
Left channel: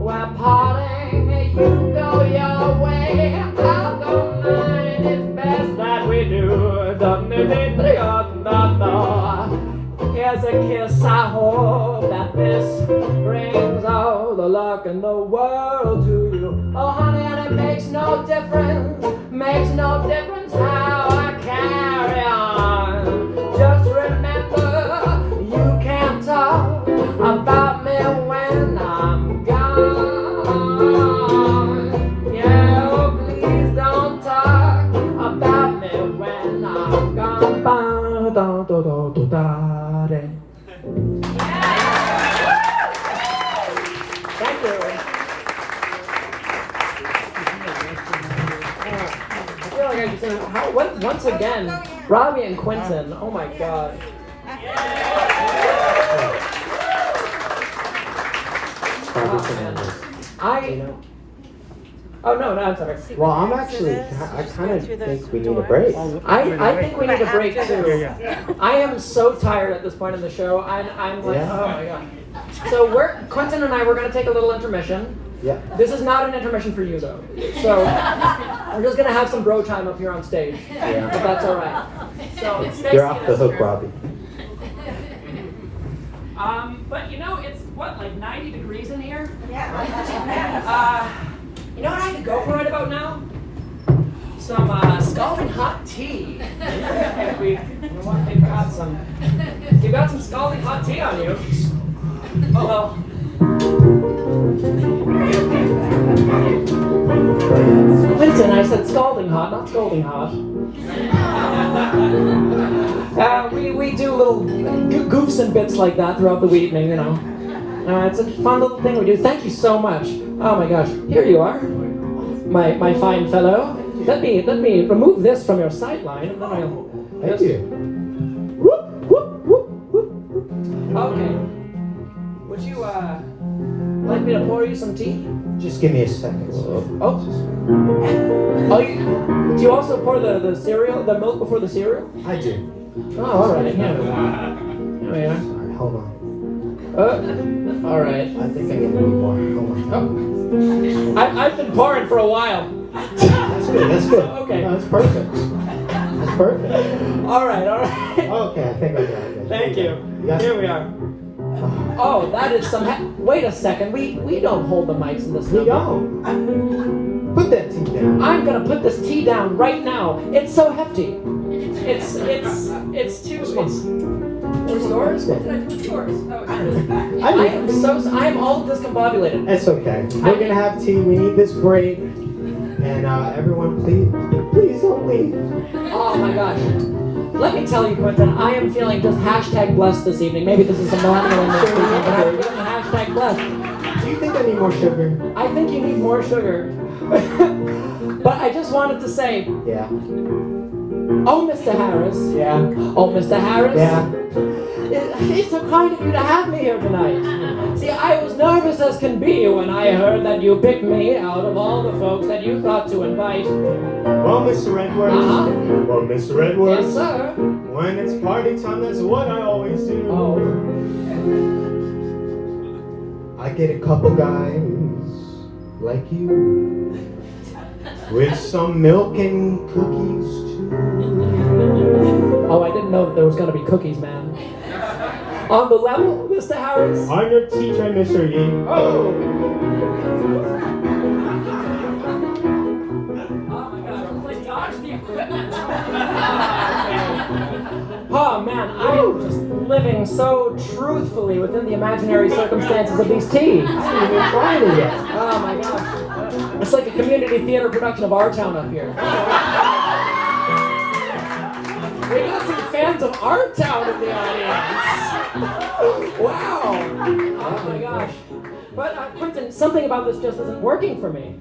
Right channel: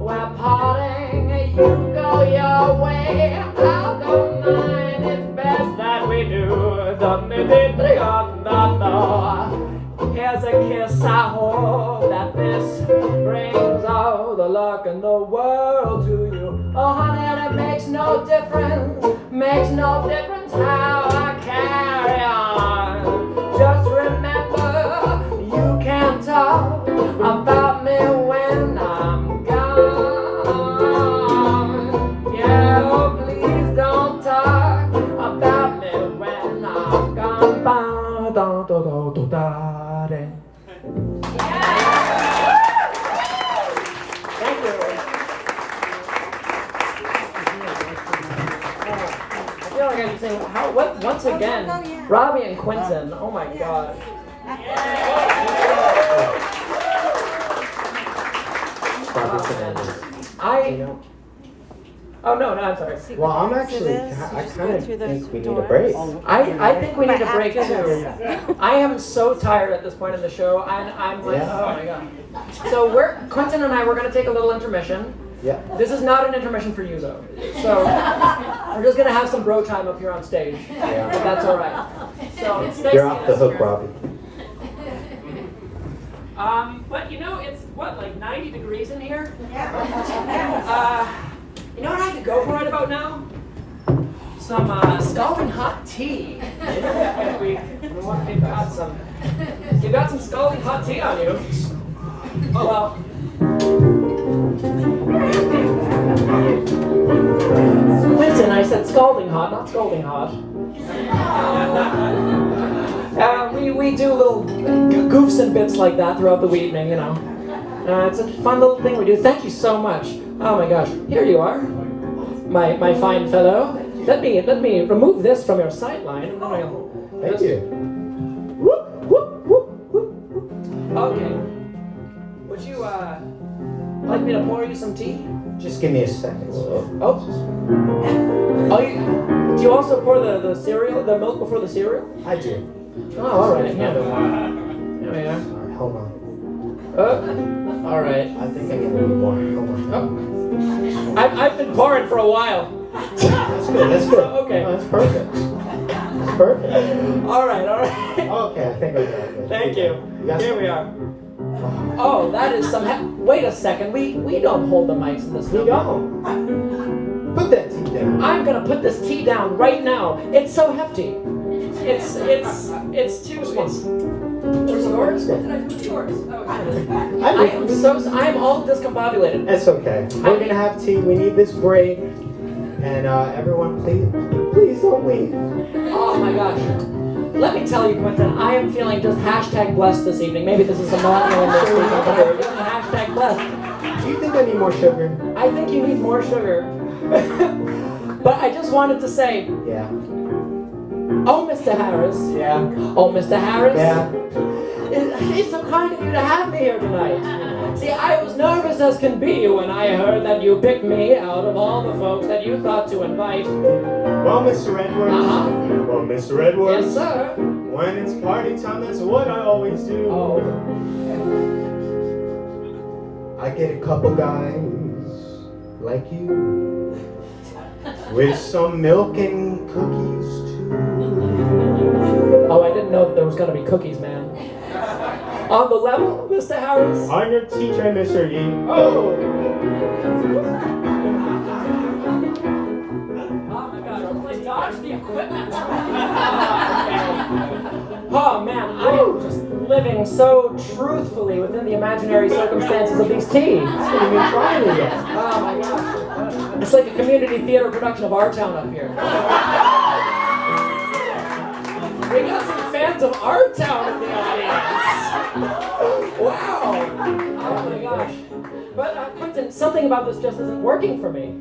We're parting, you go your way, I'll go mine. It's best that we do. Here's a kiss, I hope that this brings all the luck in the world to you. Oh honey, and it makes no difference how I carry on. Just remember, you can talk about me when I'm gone. Yeah, oh, please don't talk about me when I'm gone. Thank you. I feel like I can sing once again, Robbie and Quintin. Oh my God. Oh no, I'm sorry. Well, I kind of think we need a break. I think we need a break too. I am so tired at this point in the show. I'm like, oh my God. So Quintin and I, we're gonna take a little intermission. Yeah. This is not an intermission for you though. So we're just gonna have some bro time up here on stage. Yeah. But that's all right. So Stacey You're off the hook, Robbie. But you know, it's what, like 90 degrees in here? Yeah. You know what I could go for right about now? Some scalding hot tea. If you've got some scalding hot tea on you. Oh well. Listen, I said scalding hot, not scolding hot. We do little goofs and bits like that throughout the evening, you know. It's a fun little thing we do. Thank you so much. Oh my gosh, here you are, my fine fellow. Let me remove this from your sideline, and then I'll. Thank you. Whoop, whoop, whoop, whoop, whoop. Okay. Would you like me to pour you some tea? Just give me a second. Oh, do you also pour the cereal, the milk before the cereal? I do. Oh, all right. Another Here one. we are. Sorry, hold on. All right. I think I need a little more. Hold on. Oh. I've been pouring for a while. That's good. That's good. Okay. No, that's perfect. That's perfect. All right. Okay, I think I got it. Thank you. Yes. Here we are. Oh, that is some. Wait a second. We don't hold the mics in this. We don't. Put that tea down. I'm gonna put this tea down right now. It's so hefty. It's too. yours? What did I put yours? I'm all discombobulated. That's okay. We're gonna have tea. We need this break. And everyone, please don't leave. Oh my gosh. Let me tell you, Quintin, I am feeling just hashtag blessed this evening. Maybe this is a monument this evening, but I'm feeling hashtag blessed. Do you think I need more sugar? I think you need more sugar. But I just wanted to say, Yeah. oh, Mr. Harris. Yeah. Oh, Mr. Harris. Yeah. It's so kind of you to have me here tonight. See, I was nervous as can be when I heard that you picked me out of all the folks that you thought to invite. Well, Mr. Edwards. Uh-huh. Well, Mr. Edwards. Yes, sir. When it's party time, that's what I always do. Oh. I get a couple guys like you with some milk and cookies too. Oh, I didn't know that there was going to be cookies, man. On the level, Mr. Harris? I'm your teacher, Mr. Yi. Oh! Oh my god, let's dodge the equipment. Oh man, I'm just living so truthfully within the imaginary circumstances of these teas. I haven't even tried it yet. Oh my gosh. It's like a community theater production of Our Town up here. We got some fans of Our Town in the audience. Wow. Oh my gosh. But Quintin, something about this just isn't working for me.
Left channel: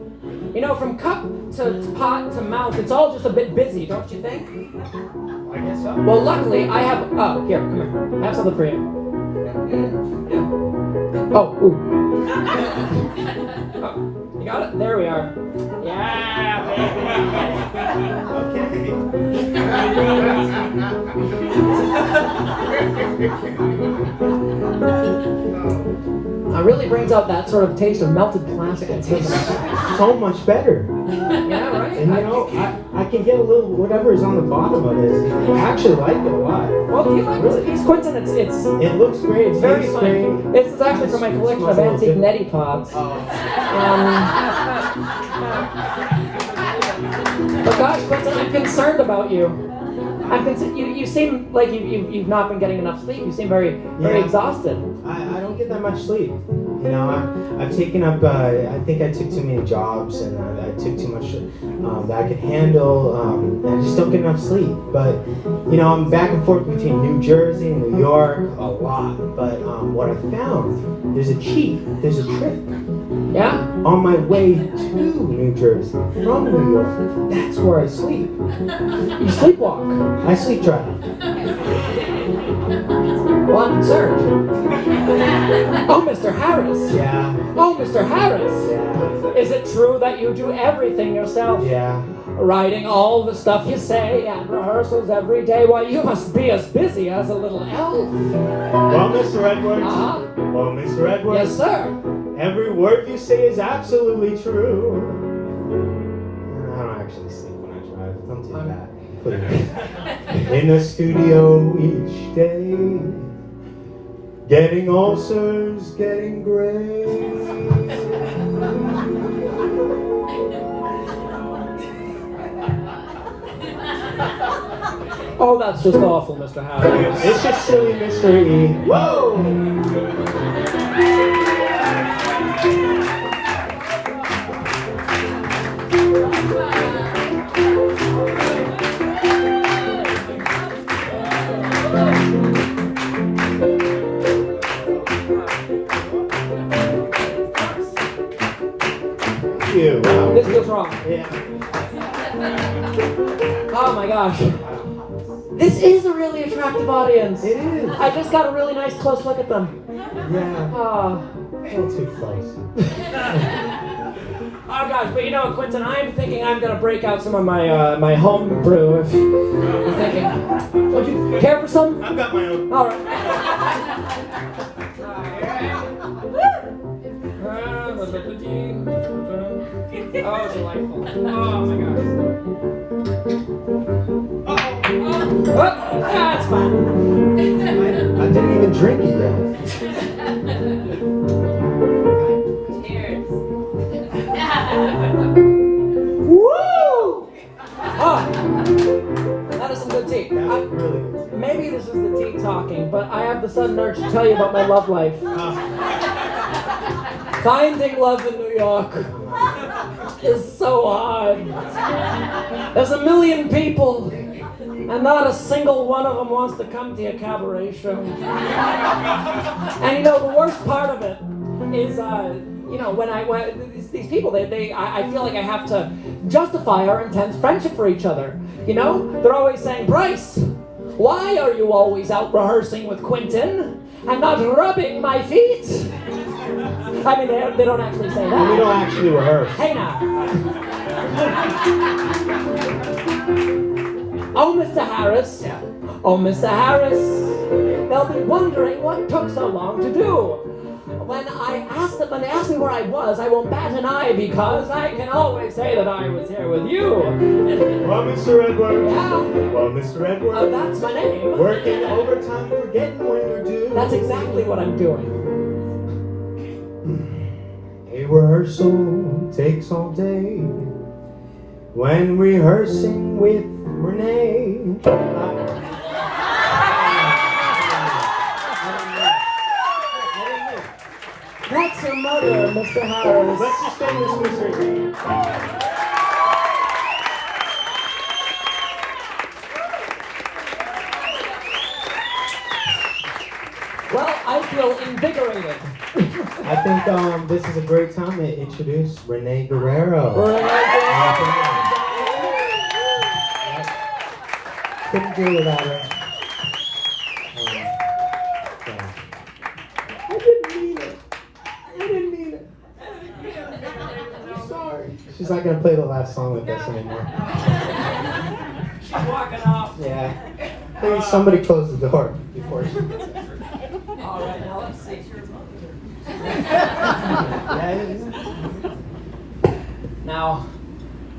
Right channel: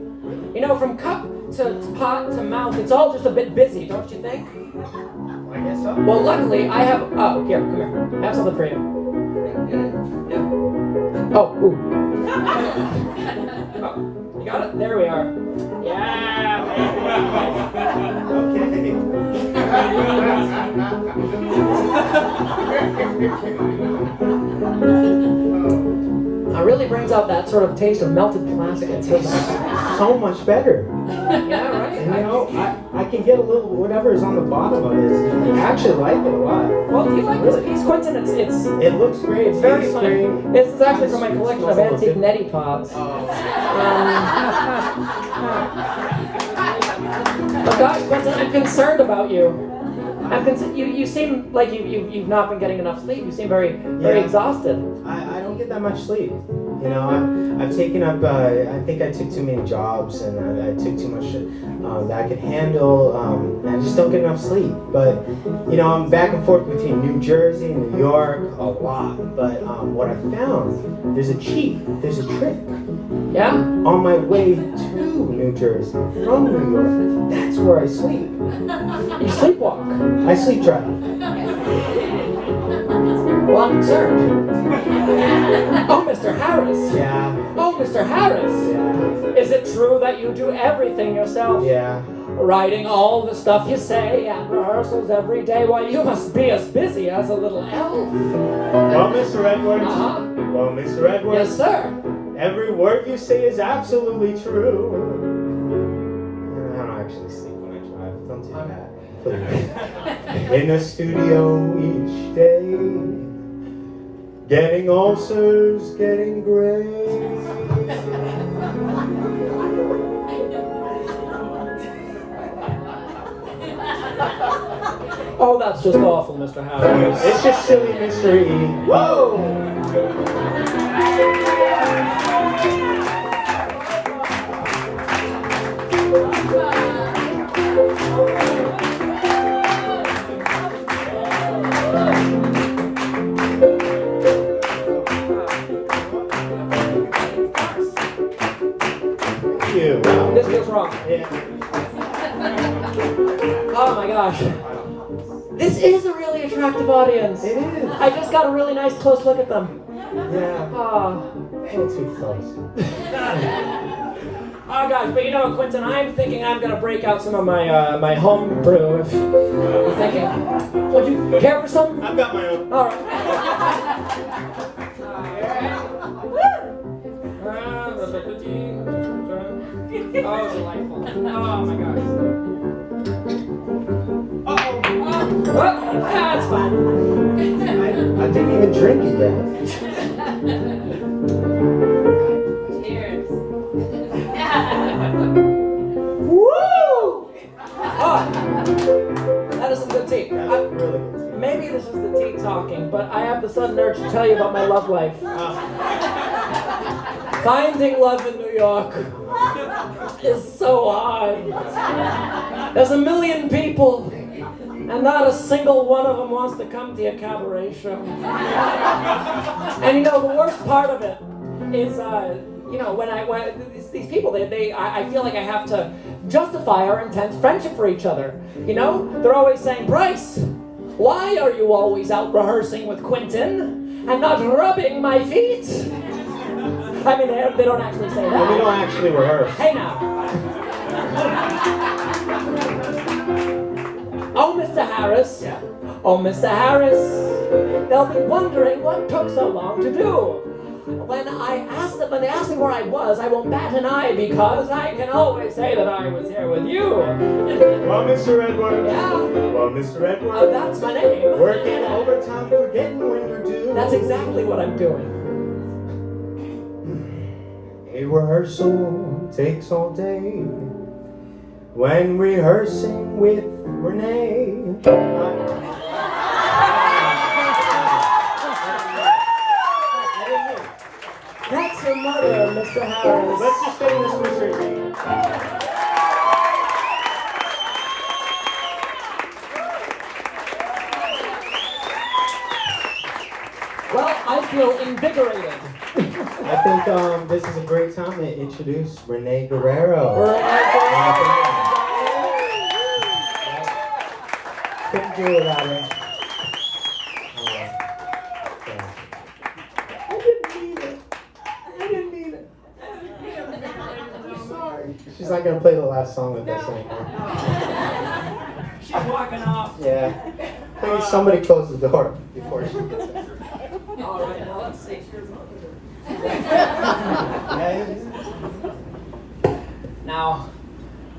You know, from cup to pot to mouth, it's all just a bit busy, don't you think? I guess so. Well, luckily, I have... Oh, here, come here. I have something for you. Oh, ooh. Oh, you got it? There we are. Yeah, It really brings out that sort of taste of melted plastic. It tastes so much better. Yeah, right? And you know, I can get a little whatever is on the bottom of this. I actually like it a lot. Well, do you like this piece, Quintin? It looks great. It's very tastes fun. great. This is actually from my collection of antique neti pots. But gosh, Quintin, I'm concerned about you. You seem like you've not been getting enough sleep. You seem very exhausted. I don't get that much sleep. You know, I've taken up. I think I took too many jobs, and I took too much that I could handle. And I just don't get enough sleep. But you know, I'm back and forth between New Jersey and New York a lot. But what I found, there's a trick. Yeah. On my way to New Jersey from New York, that's where I sleep. You sleepwalk. I sleep drive. Well, I'm concerned. Oh, Mr. Harris. Yeah. Oh, Mr. Harris. Yeah. Is it true that you do everything yourself? Yeah. Writing all the stuff you say and rehearsals every day? Why, you must be as busy as a little elf. Well, Mr. Edwards. Uh-huh. Well, Mr. Edwards. Yes, sir. Every word you say is absolutely true. I don't actually sleep when I drive. Don't do that. Put it in the studio each day, getting ulcers, getting gray. Oh, that's just awful, Mr. Harris. It's just silly, Mr. E. Whoa! Wow. This feels wrong. Yeah. Oh my gosh. This is a really attractive audience. It is. I just got a really nice close look at them. Yeah. Oh. A little too close. Oh gosh, but you know what, Quintin, I'm thinking I'm gonna break out some of my my home brew. If you're thinking, would you care for some? I've got my own. All right. Oh, delightful. Oh my gosh. What? That's fine. I didn't even drink it yet. Woo! Oh, that is some good tea. Really good. Maybe this is the tea talking, but I have the sudden urge to tell you about my love life. Finding love in New York is so hard. There's a million people, and not a single one of them wants to come to your cabaret show. And the worst part of it is, when these people, I feel like I have to justify our intense friendship for each other. They're always saying, Bryce, why are you always out rehearsing with Quintin and not rubbing my feet? I mean, they don't actually say that. Well, we don't actually rehearse. Hey now. Oh, Mr. Harris. Oh, Mr. Harris. They'll be wondering what took so long to do. When they asked me where I was, I won't bat an eye because I can always say that I was here with you. Well, Mr. Edwards. Yeah. Well, Mr. Edwards. Oh, that's my name. Working overtime, forgetting when you're due. That's exactly what I'm doing. A rehearsal takes all day. When rehearsing with Renee. That's your mother, Mr. Harris. Let's just sing this Mr. Well, I feel invigorated. I think this is a great time to introduce Renée Guerrero. Couldn't do it without her. I didn't mean it. I'm sorry. She's not gonna play the last song with us anymore. She's walking off. Yeah. I think somebody closed the door before she gets it. All right, now let's see. Now,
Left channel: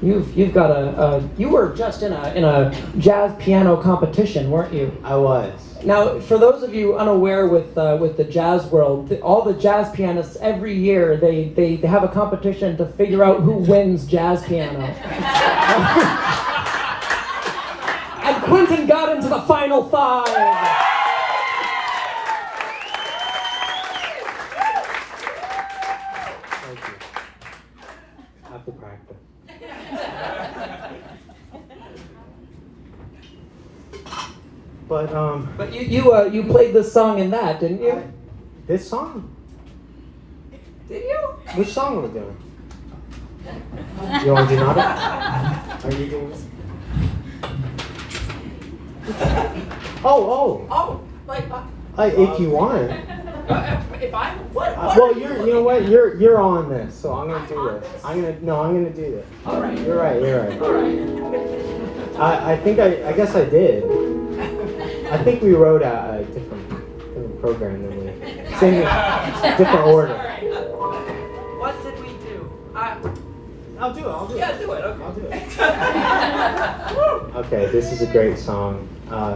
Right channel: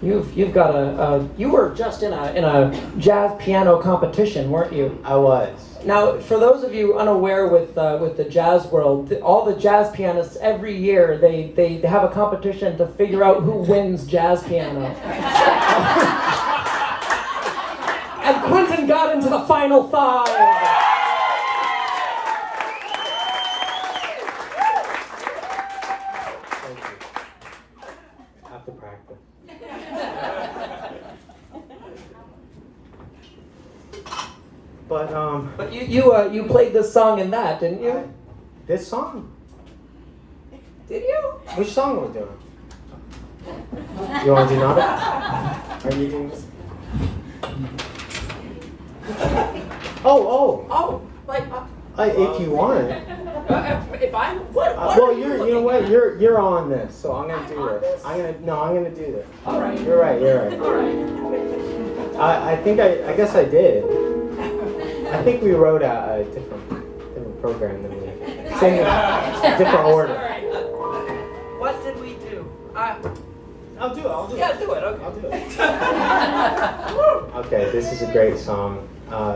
you've got you were just in a jazz piano competition, weren't you? I was. Now, for those of you unaware with the jazz world, all the jazz pianists every year they have a competition to figure out who wins jazz piano. And Quintin got into the final 5. Thank you. Have to practice. But you played this song in that, didn't you? This song? Did you? Which song are we doing? You want to do another? Are you doing this? Oh, Like if you want. if I'm what? Well, you know what? You're on this, so I'm gonna do this. I'm gonna do this. All right. You're right. All right. I guess I did. I think we wrote a different program than we sing in different order. What did we do? I'll do it. Yeah, do it. Okay. I'll do it. Okay, this is a great song.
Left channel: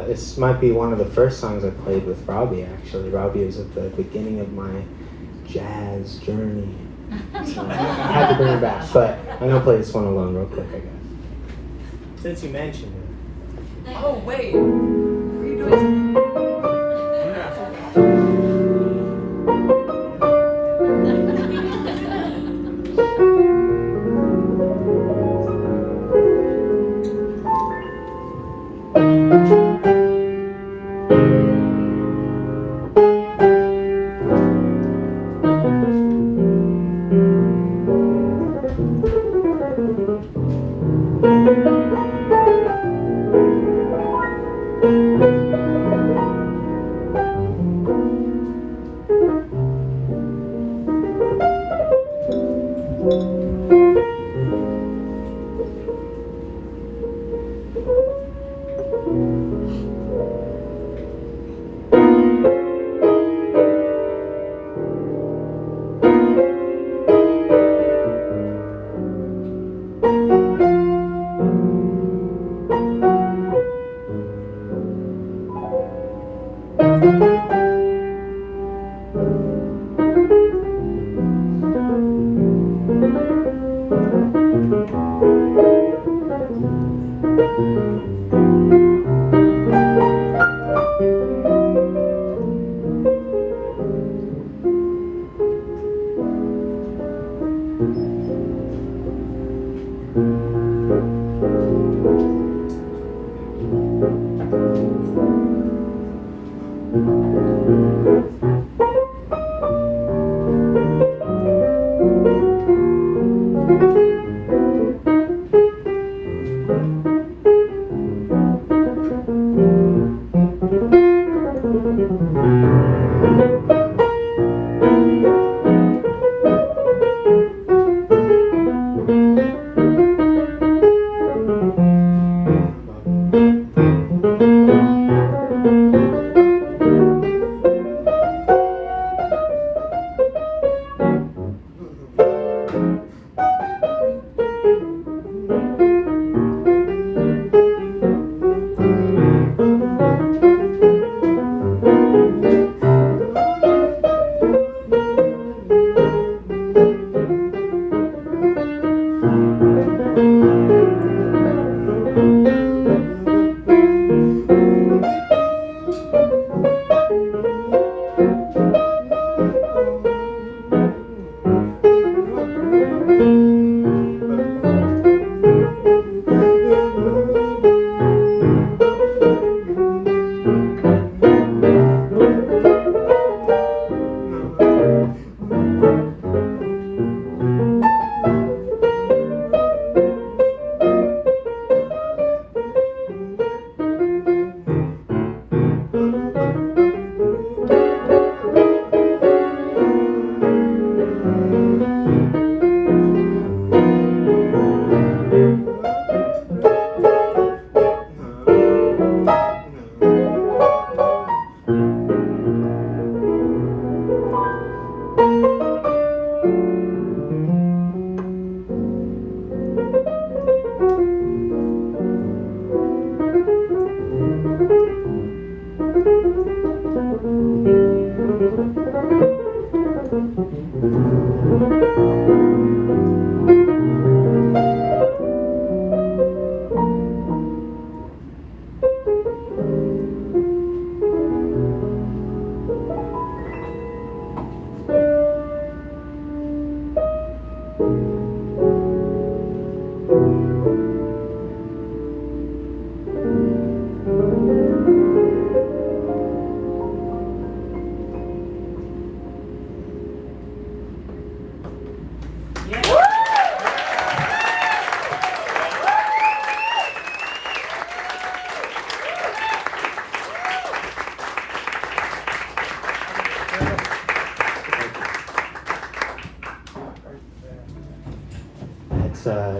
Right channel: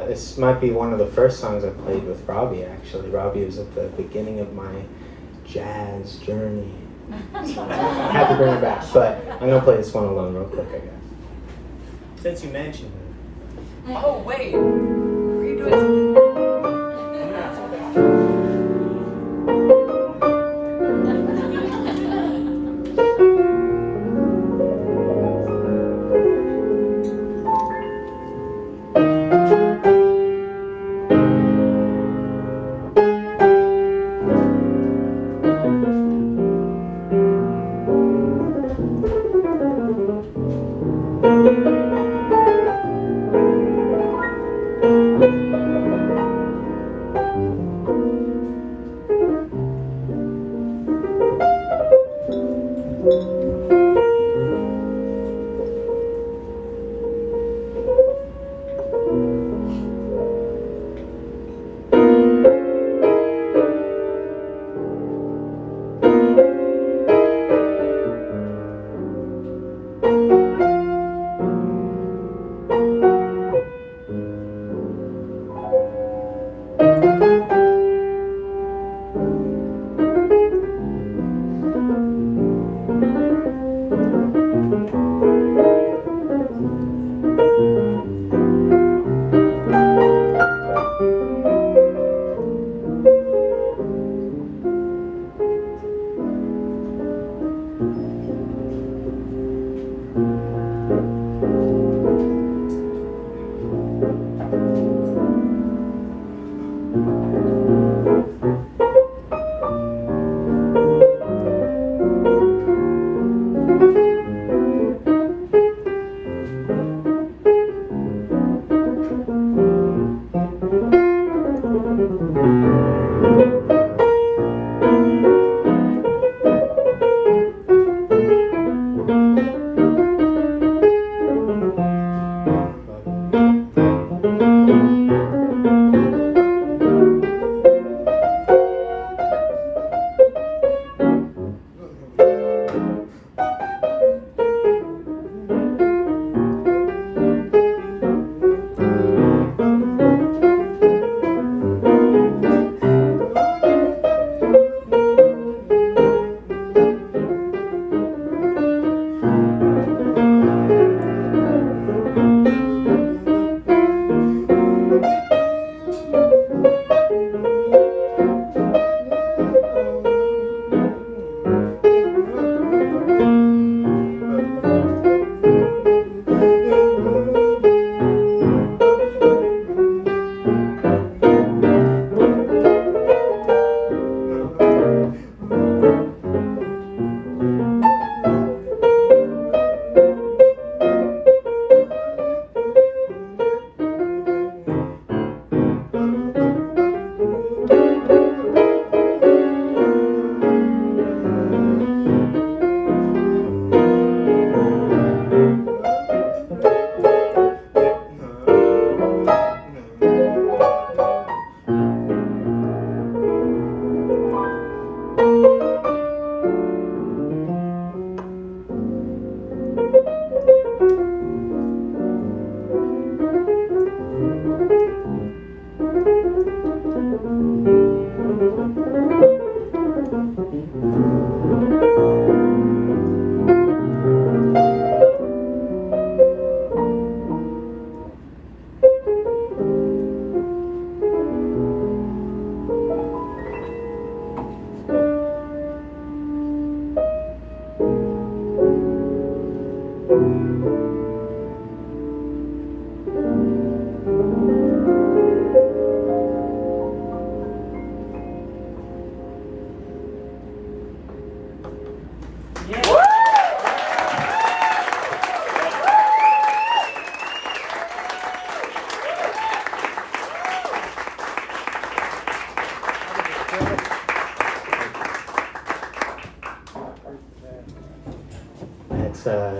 This might be one of the first songs I played with Robbie, actually. Robbie is at the beginning of my jazz journey. So I had to bring it back, but I'm going to play this one alone real quick, I guess. Since you mentioned it. Oh wait. Were you doing something?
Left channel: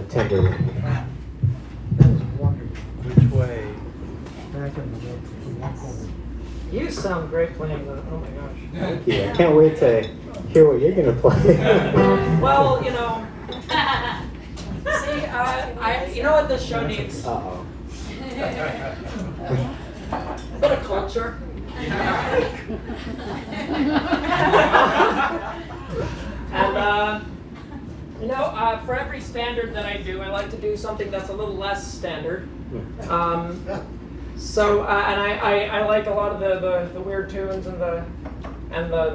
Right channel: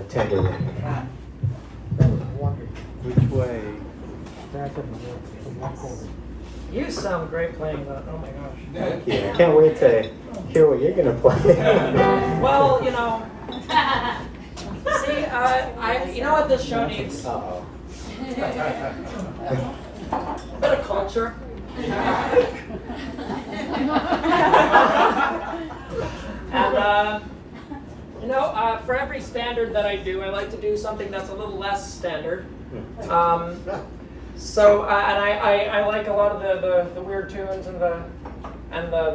Tender. Which way? You sound great playing that. Oh my gosh. Yeah, I can't wait to hear what you're gonna play. Well, you know. See, you know what this show needs? Uh-oh. A bit of culture. And you know, for every standard that I do, I like to do something that's a little less standard. So, and I like a lot of the weird tunes and the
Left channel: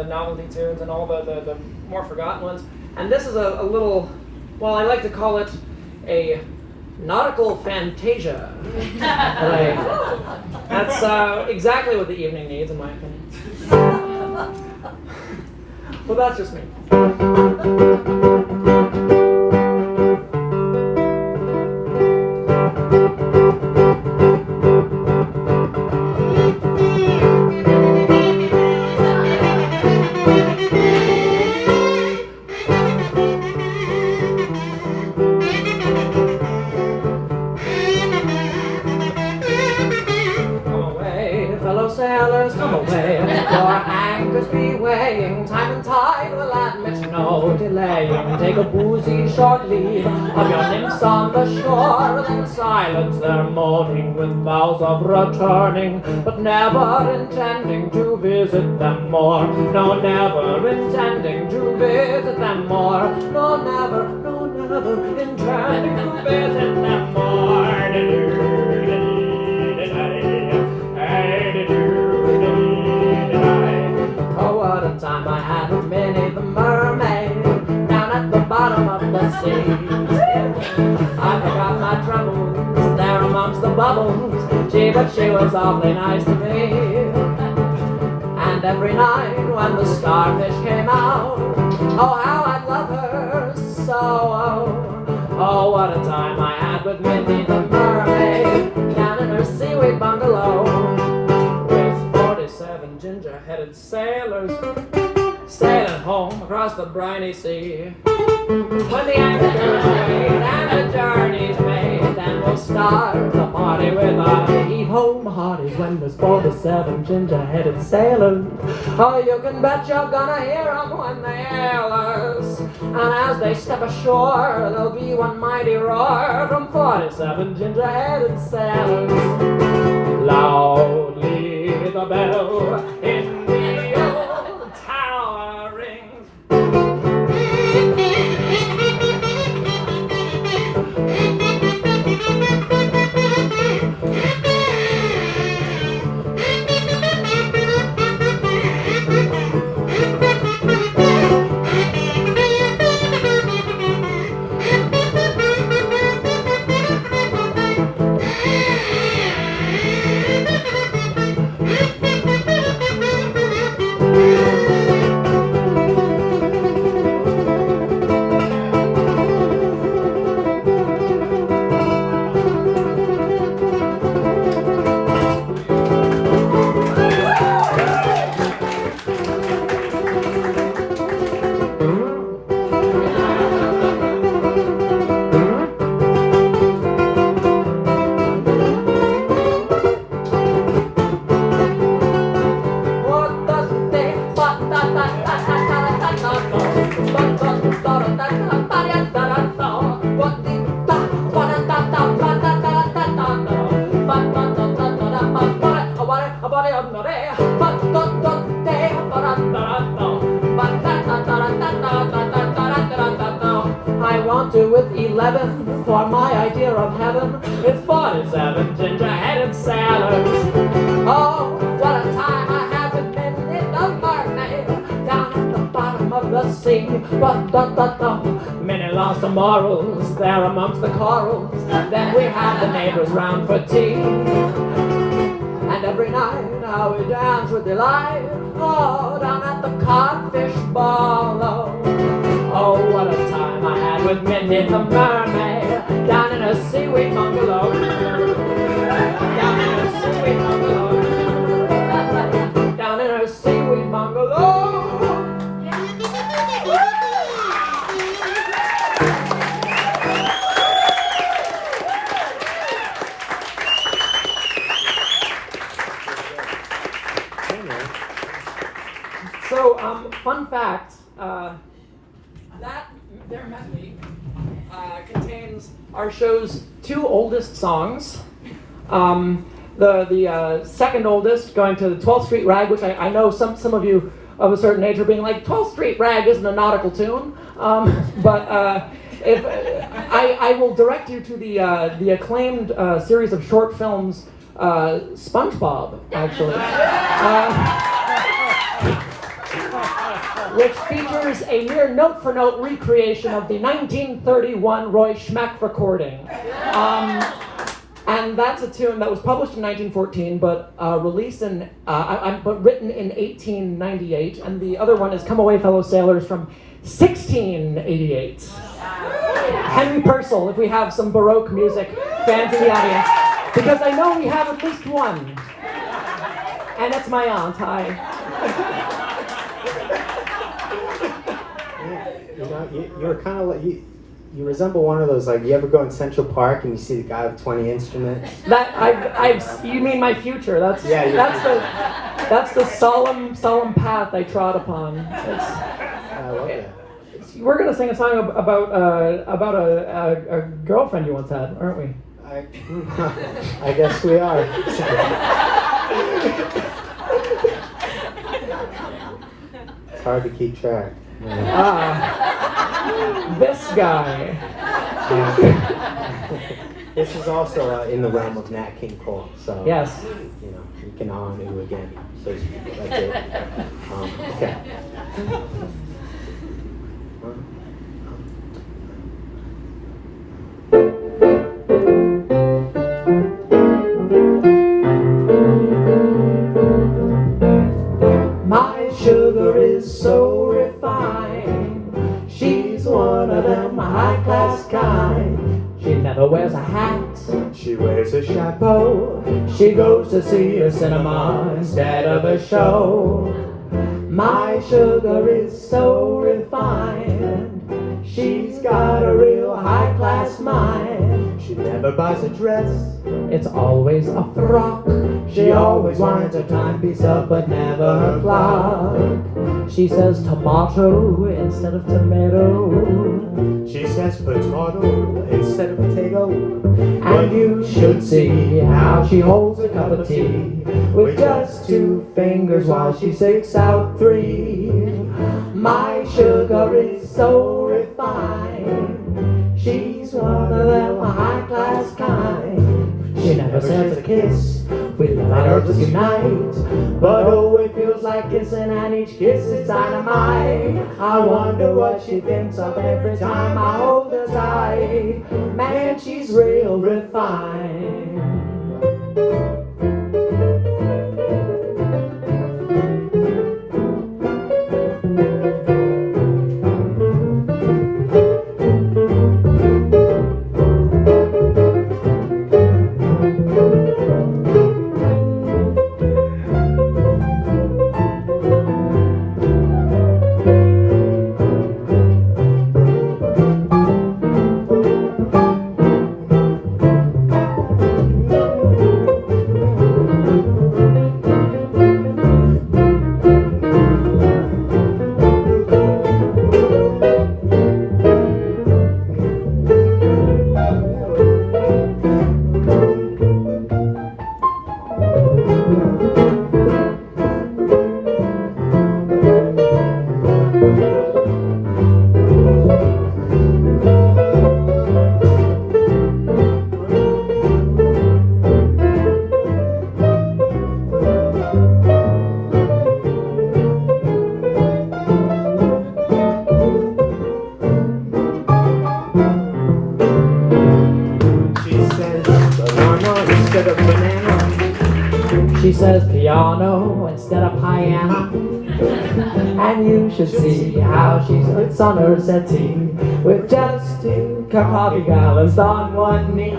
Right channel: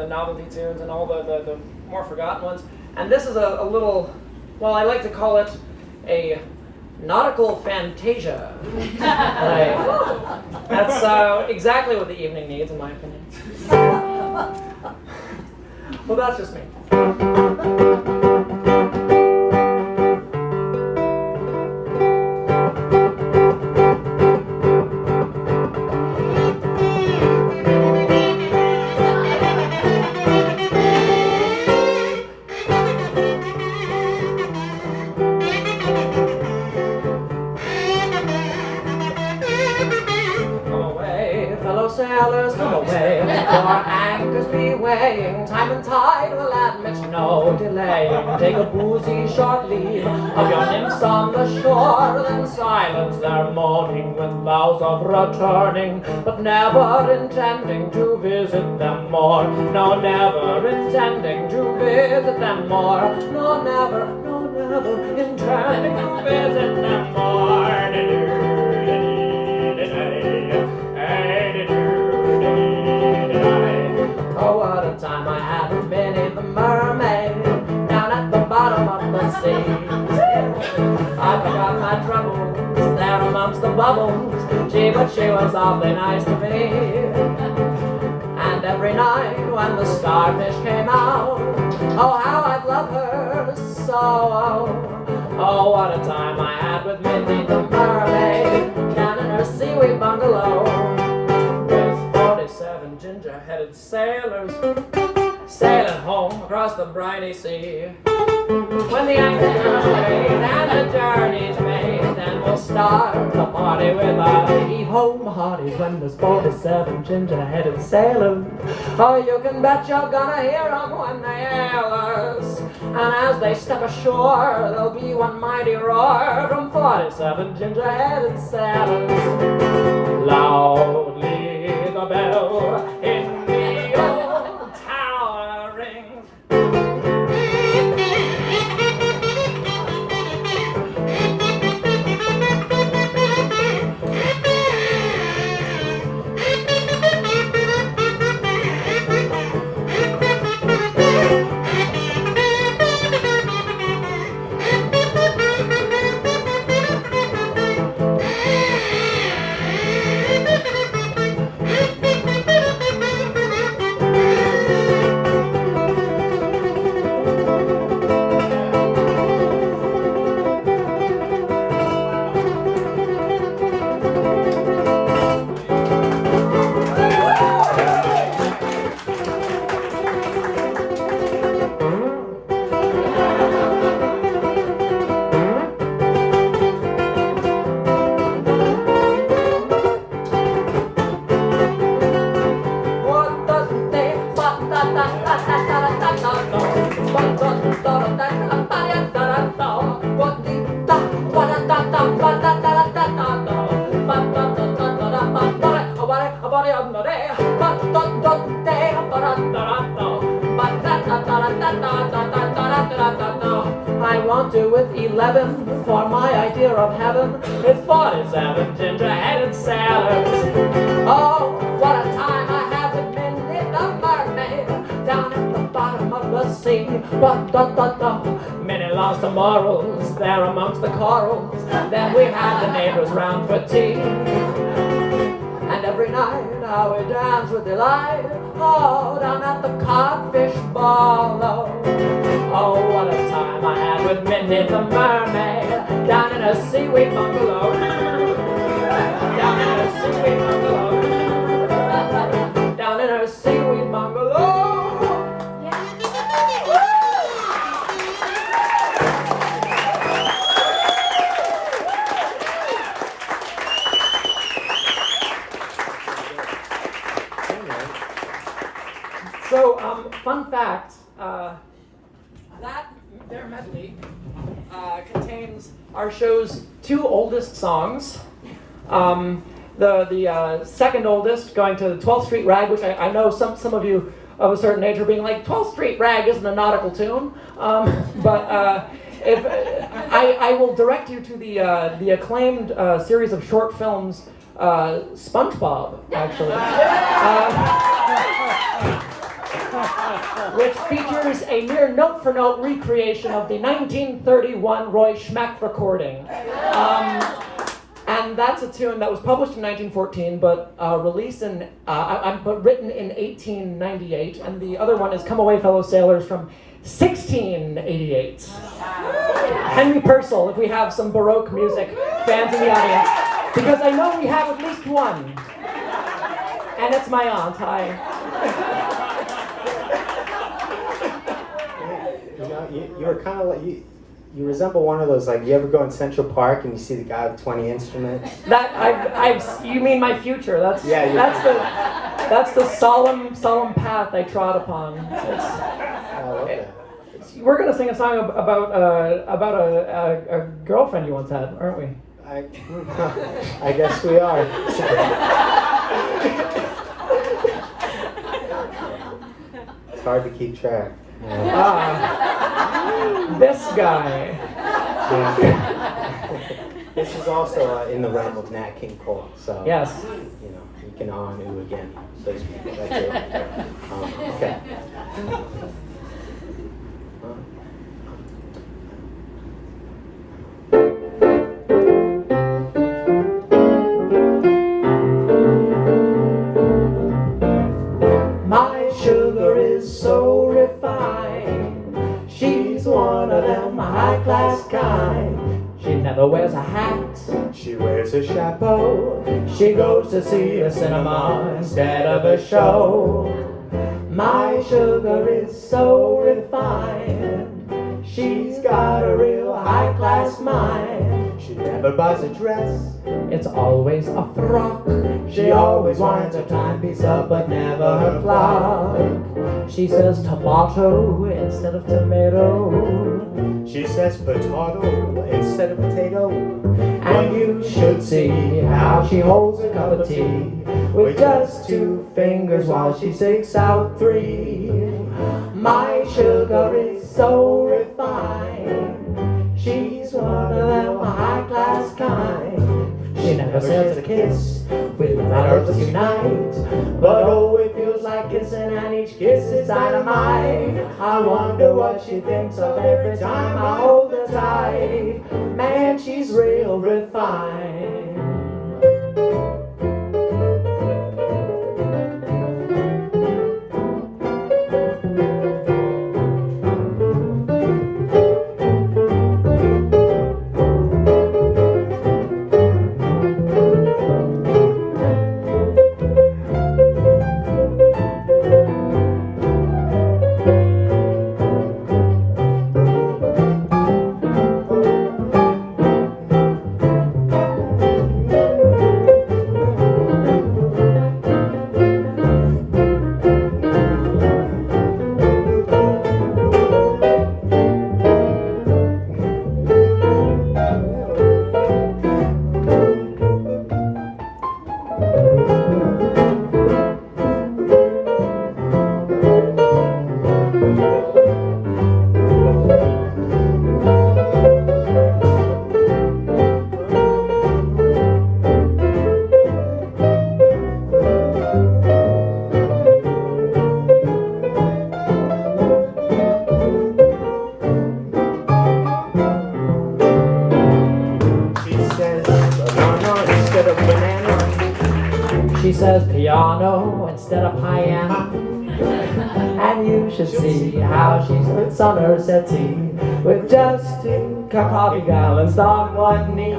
novelty tunes and all the more forgotten ones. And this is a little, well, I like to call it a nautical fantasia. That's exactly what the evening needs, in my opinion. Well, that's just me. Take a boozy short leave of your nymphs on the shore, and in silence they're moaning with vows of returning, but never intending to visit them more. No, never intending to visit them more. No, never intending to visit them more. Oh, what a time I had with Minnie the mermaid at the bottom of the sea. I forgot my troubles there amongst the bubbles. But she was awfully nice to me. And every night when the starfish came out, oh, how I'd love her so. Oh, what a time I had with Minnie the mermaid down in her seaweed bungalow with 47 gin ginger-headed sailors sailing home across the briny sea. When the anchor's weighed and the journey's made, then we'll start the party with our heave-ho hearties when there's 47 ginger-headed sailors. Oh, you can bet you're gonna hear them when they hail us. And as they step ashore, there'll be one mighty roar from 47 ginger-headed sailors. Loudly the bell in the old tower rings. I want to with 11 for my idea of heaven. It's 47 ginger-headed sailors. Oh, what a time I had with Minnie the mermaid down at the bottom of the sea. Minnie lost her morals there amongst the corals. Then we had the neighbors round for tea. And every night I would dance with delight. Oh, down at the codfish ball. Oh, what a time I had with Minnie the mermaid down in a seaweed bungalow. Down in a seaweed bungalow. Down in her seaweed bungalow. So, fun fact, that their medley contains our show's two oldest songs. The second oldest, going to the 12th Street Rag, which I know some of you of a certain age are being like, 12th Street Rag isn't a nautical tune. If I will direct you to the acclaimed series of short films, SpongeBob, actually. Which features a near note-for-note recreation of the 1931 Roy Schmack recording. And that's a tune that was published in 1914, but released in, but written in 1898. And the other one is Come Away Fellow Sailors from 1688. Henry Purcell, if we have some Baroque music fans in the audience, because I know we have at least one. And it's my aunt, hi. You're kind of like, you resemble one of those, like, you ever go in Central Park and you see the guy with 20 instruments? That you mean my future? That's the solemn path I trod upon. I love that. We're gonna sing a song about a girlfriend you once had, aren't we? I guess we are. It's hard to keep track. This guy. This is also in the realm of Nat King Cole, so yes, you can on and again. That's it. Okay. My sugar is so refined. She's one of them high-class kind. She never wears a hat. She wears a chapeau. She goes to see a cinema instead of a show. My sugar is so refined. She's got a real high-class mind. She never buys a dress. It's always a frock. She always wants her timepiece up, but never her clock. She says tomato instead of tomato. She says potato instead of potato. And you should see how she holds a cup of tea with just 2 fingers while she sticks out 3. My sugar is so refined. She's one of them high-class kind. She never says a kiss with her lips unite, but oh, it feels like kissing, and each kiss is dynamite. I wonder what she thinks of every time I hold her tight. Man, she's real refined. She says piano instead of piano. And you should see how she sits on her settee with just 2 coffee balanced on 1 knee.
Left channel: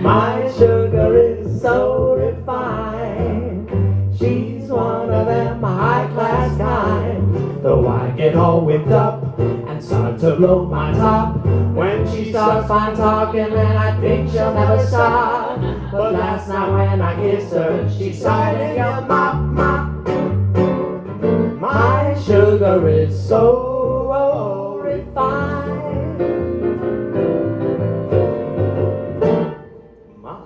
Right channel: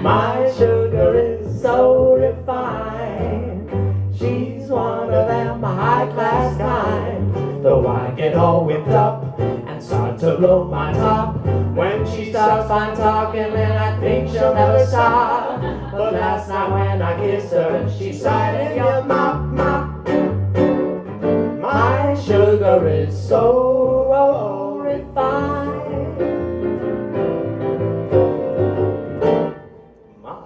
My sugar is so refined. She's one of them high-class kind. Though I get all whipped up and start to blow my top when she starts fine talking, and I think she'll never stop. But last night when I kissed her, she sighed and yelled, "Mop, mop." My sugar is so refined. My.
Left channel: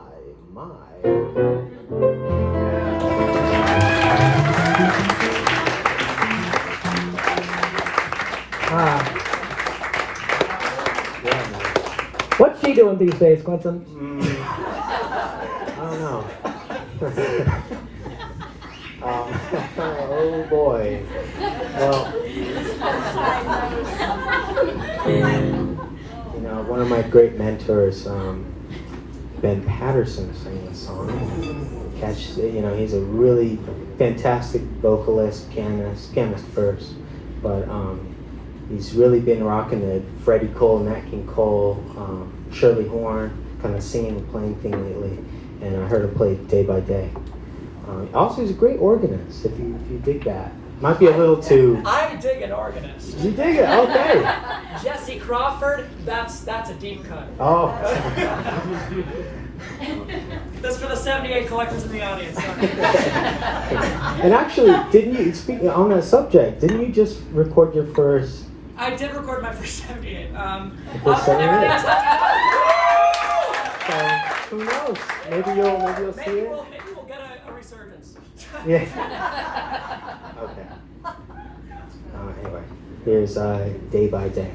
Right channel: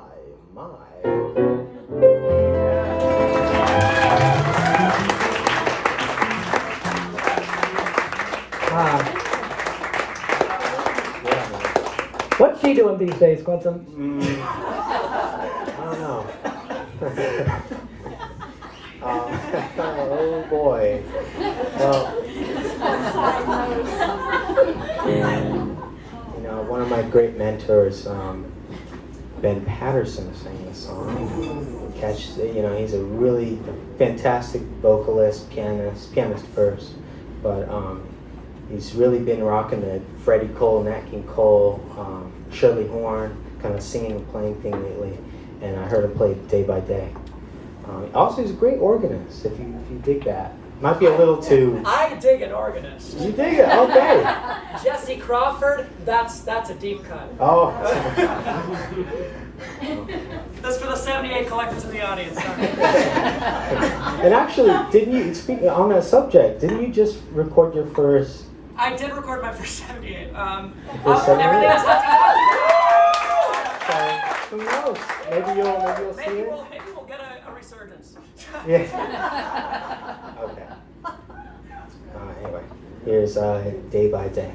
What's she doing these days, Quintin? I don't know. Oh boy. Well, you know, one of my great mentors, Ben Patterson, sang a song. You know, he's a really fantastic vocalist, pianist first, but he's really been rocking the Freddie Cole, Nat King Cole, Shirley Horn, kind of singing and playing thing lately, and I heard him play Day by Day. Also, he's a great organist, if you dig that. Might be a little too... I dig an organist. You dig it? Okay. Jesse Crawford, that's a deep cut. Oh. This for the 78 collectors in the audience. And actually, didn't you, speaking on that subject, didn't you just record your first... I did record my first 78. First 78? Everything else has to So, who knows? Maybe you'll see maybe it. we'll get a resurgence. Yeah. Okay. Anyway, here's Day by Day.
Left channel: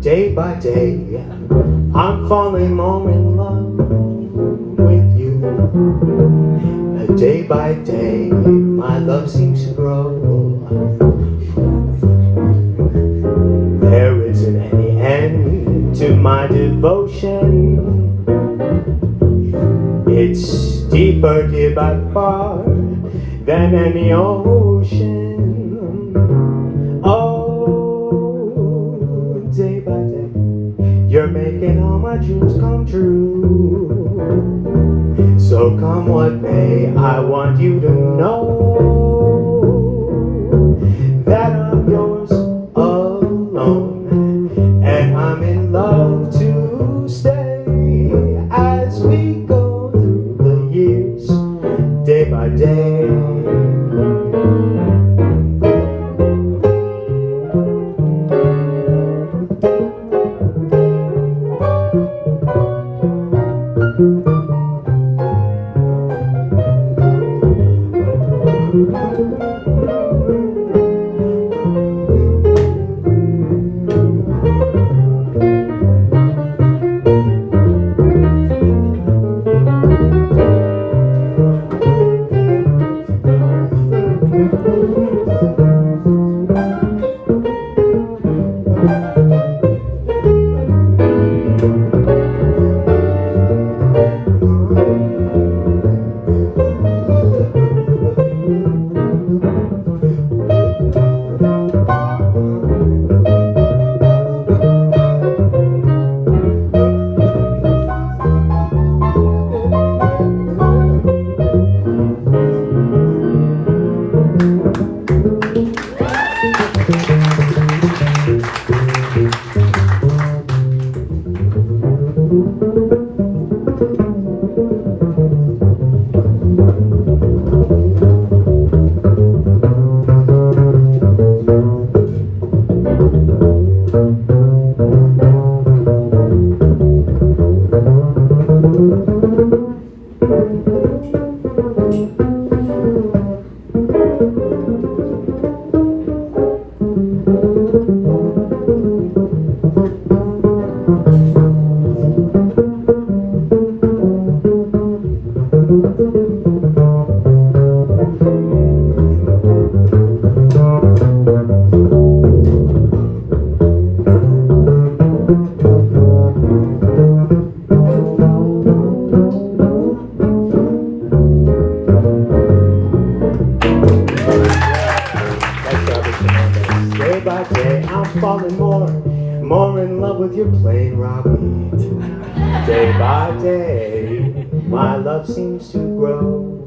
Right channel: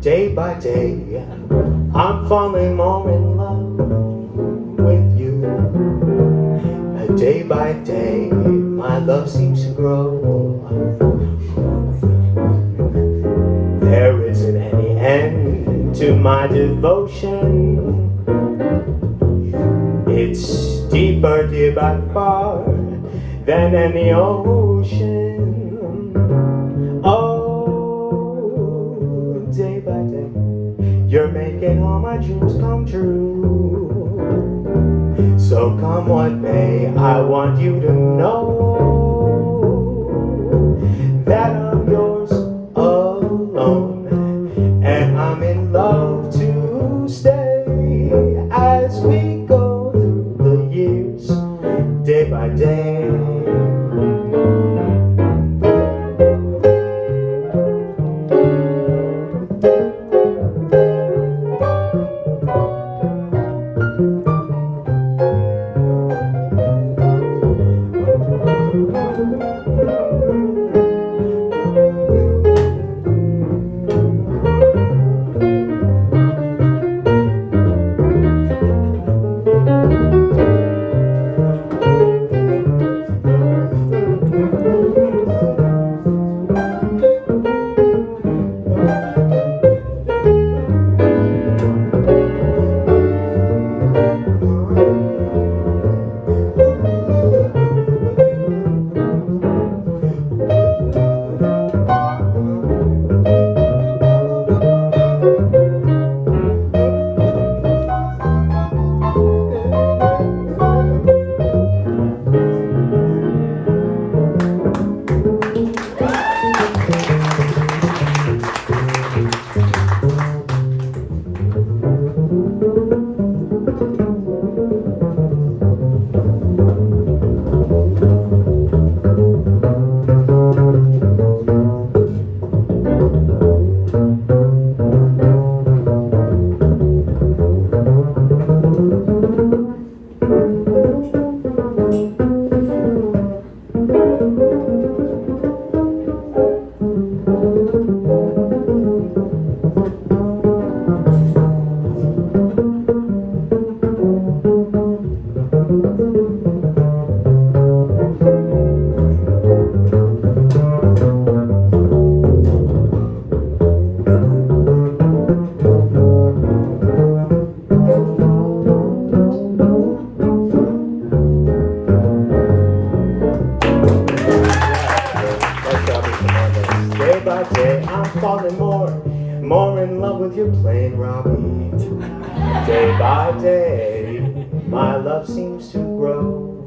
Day by day, I'm falling more in love by day, my love seems to grow. There isn't any end to my devotion. It's deeper, dear, by far than any ocean. Oh, day by day, you're making all my dreams come true. So come what may, I want you to know that I'm yours alone, and I'm in love to stay as we go through the years, day by day. Day by day, I'm falling more in love with your plain Robbie. Day by day, my love seems to grow.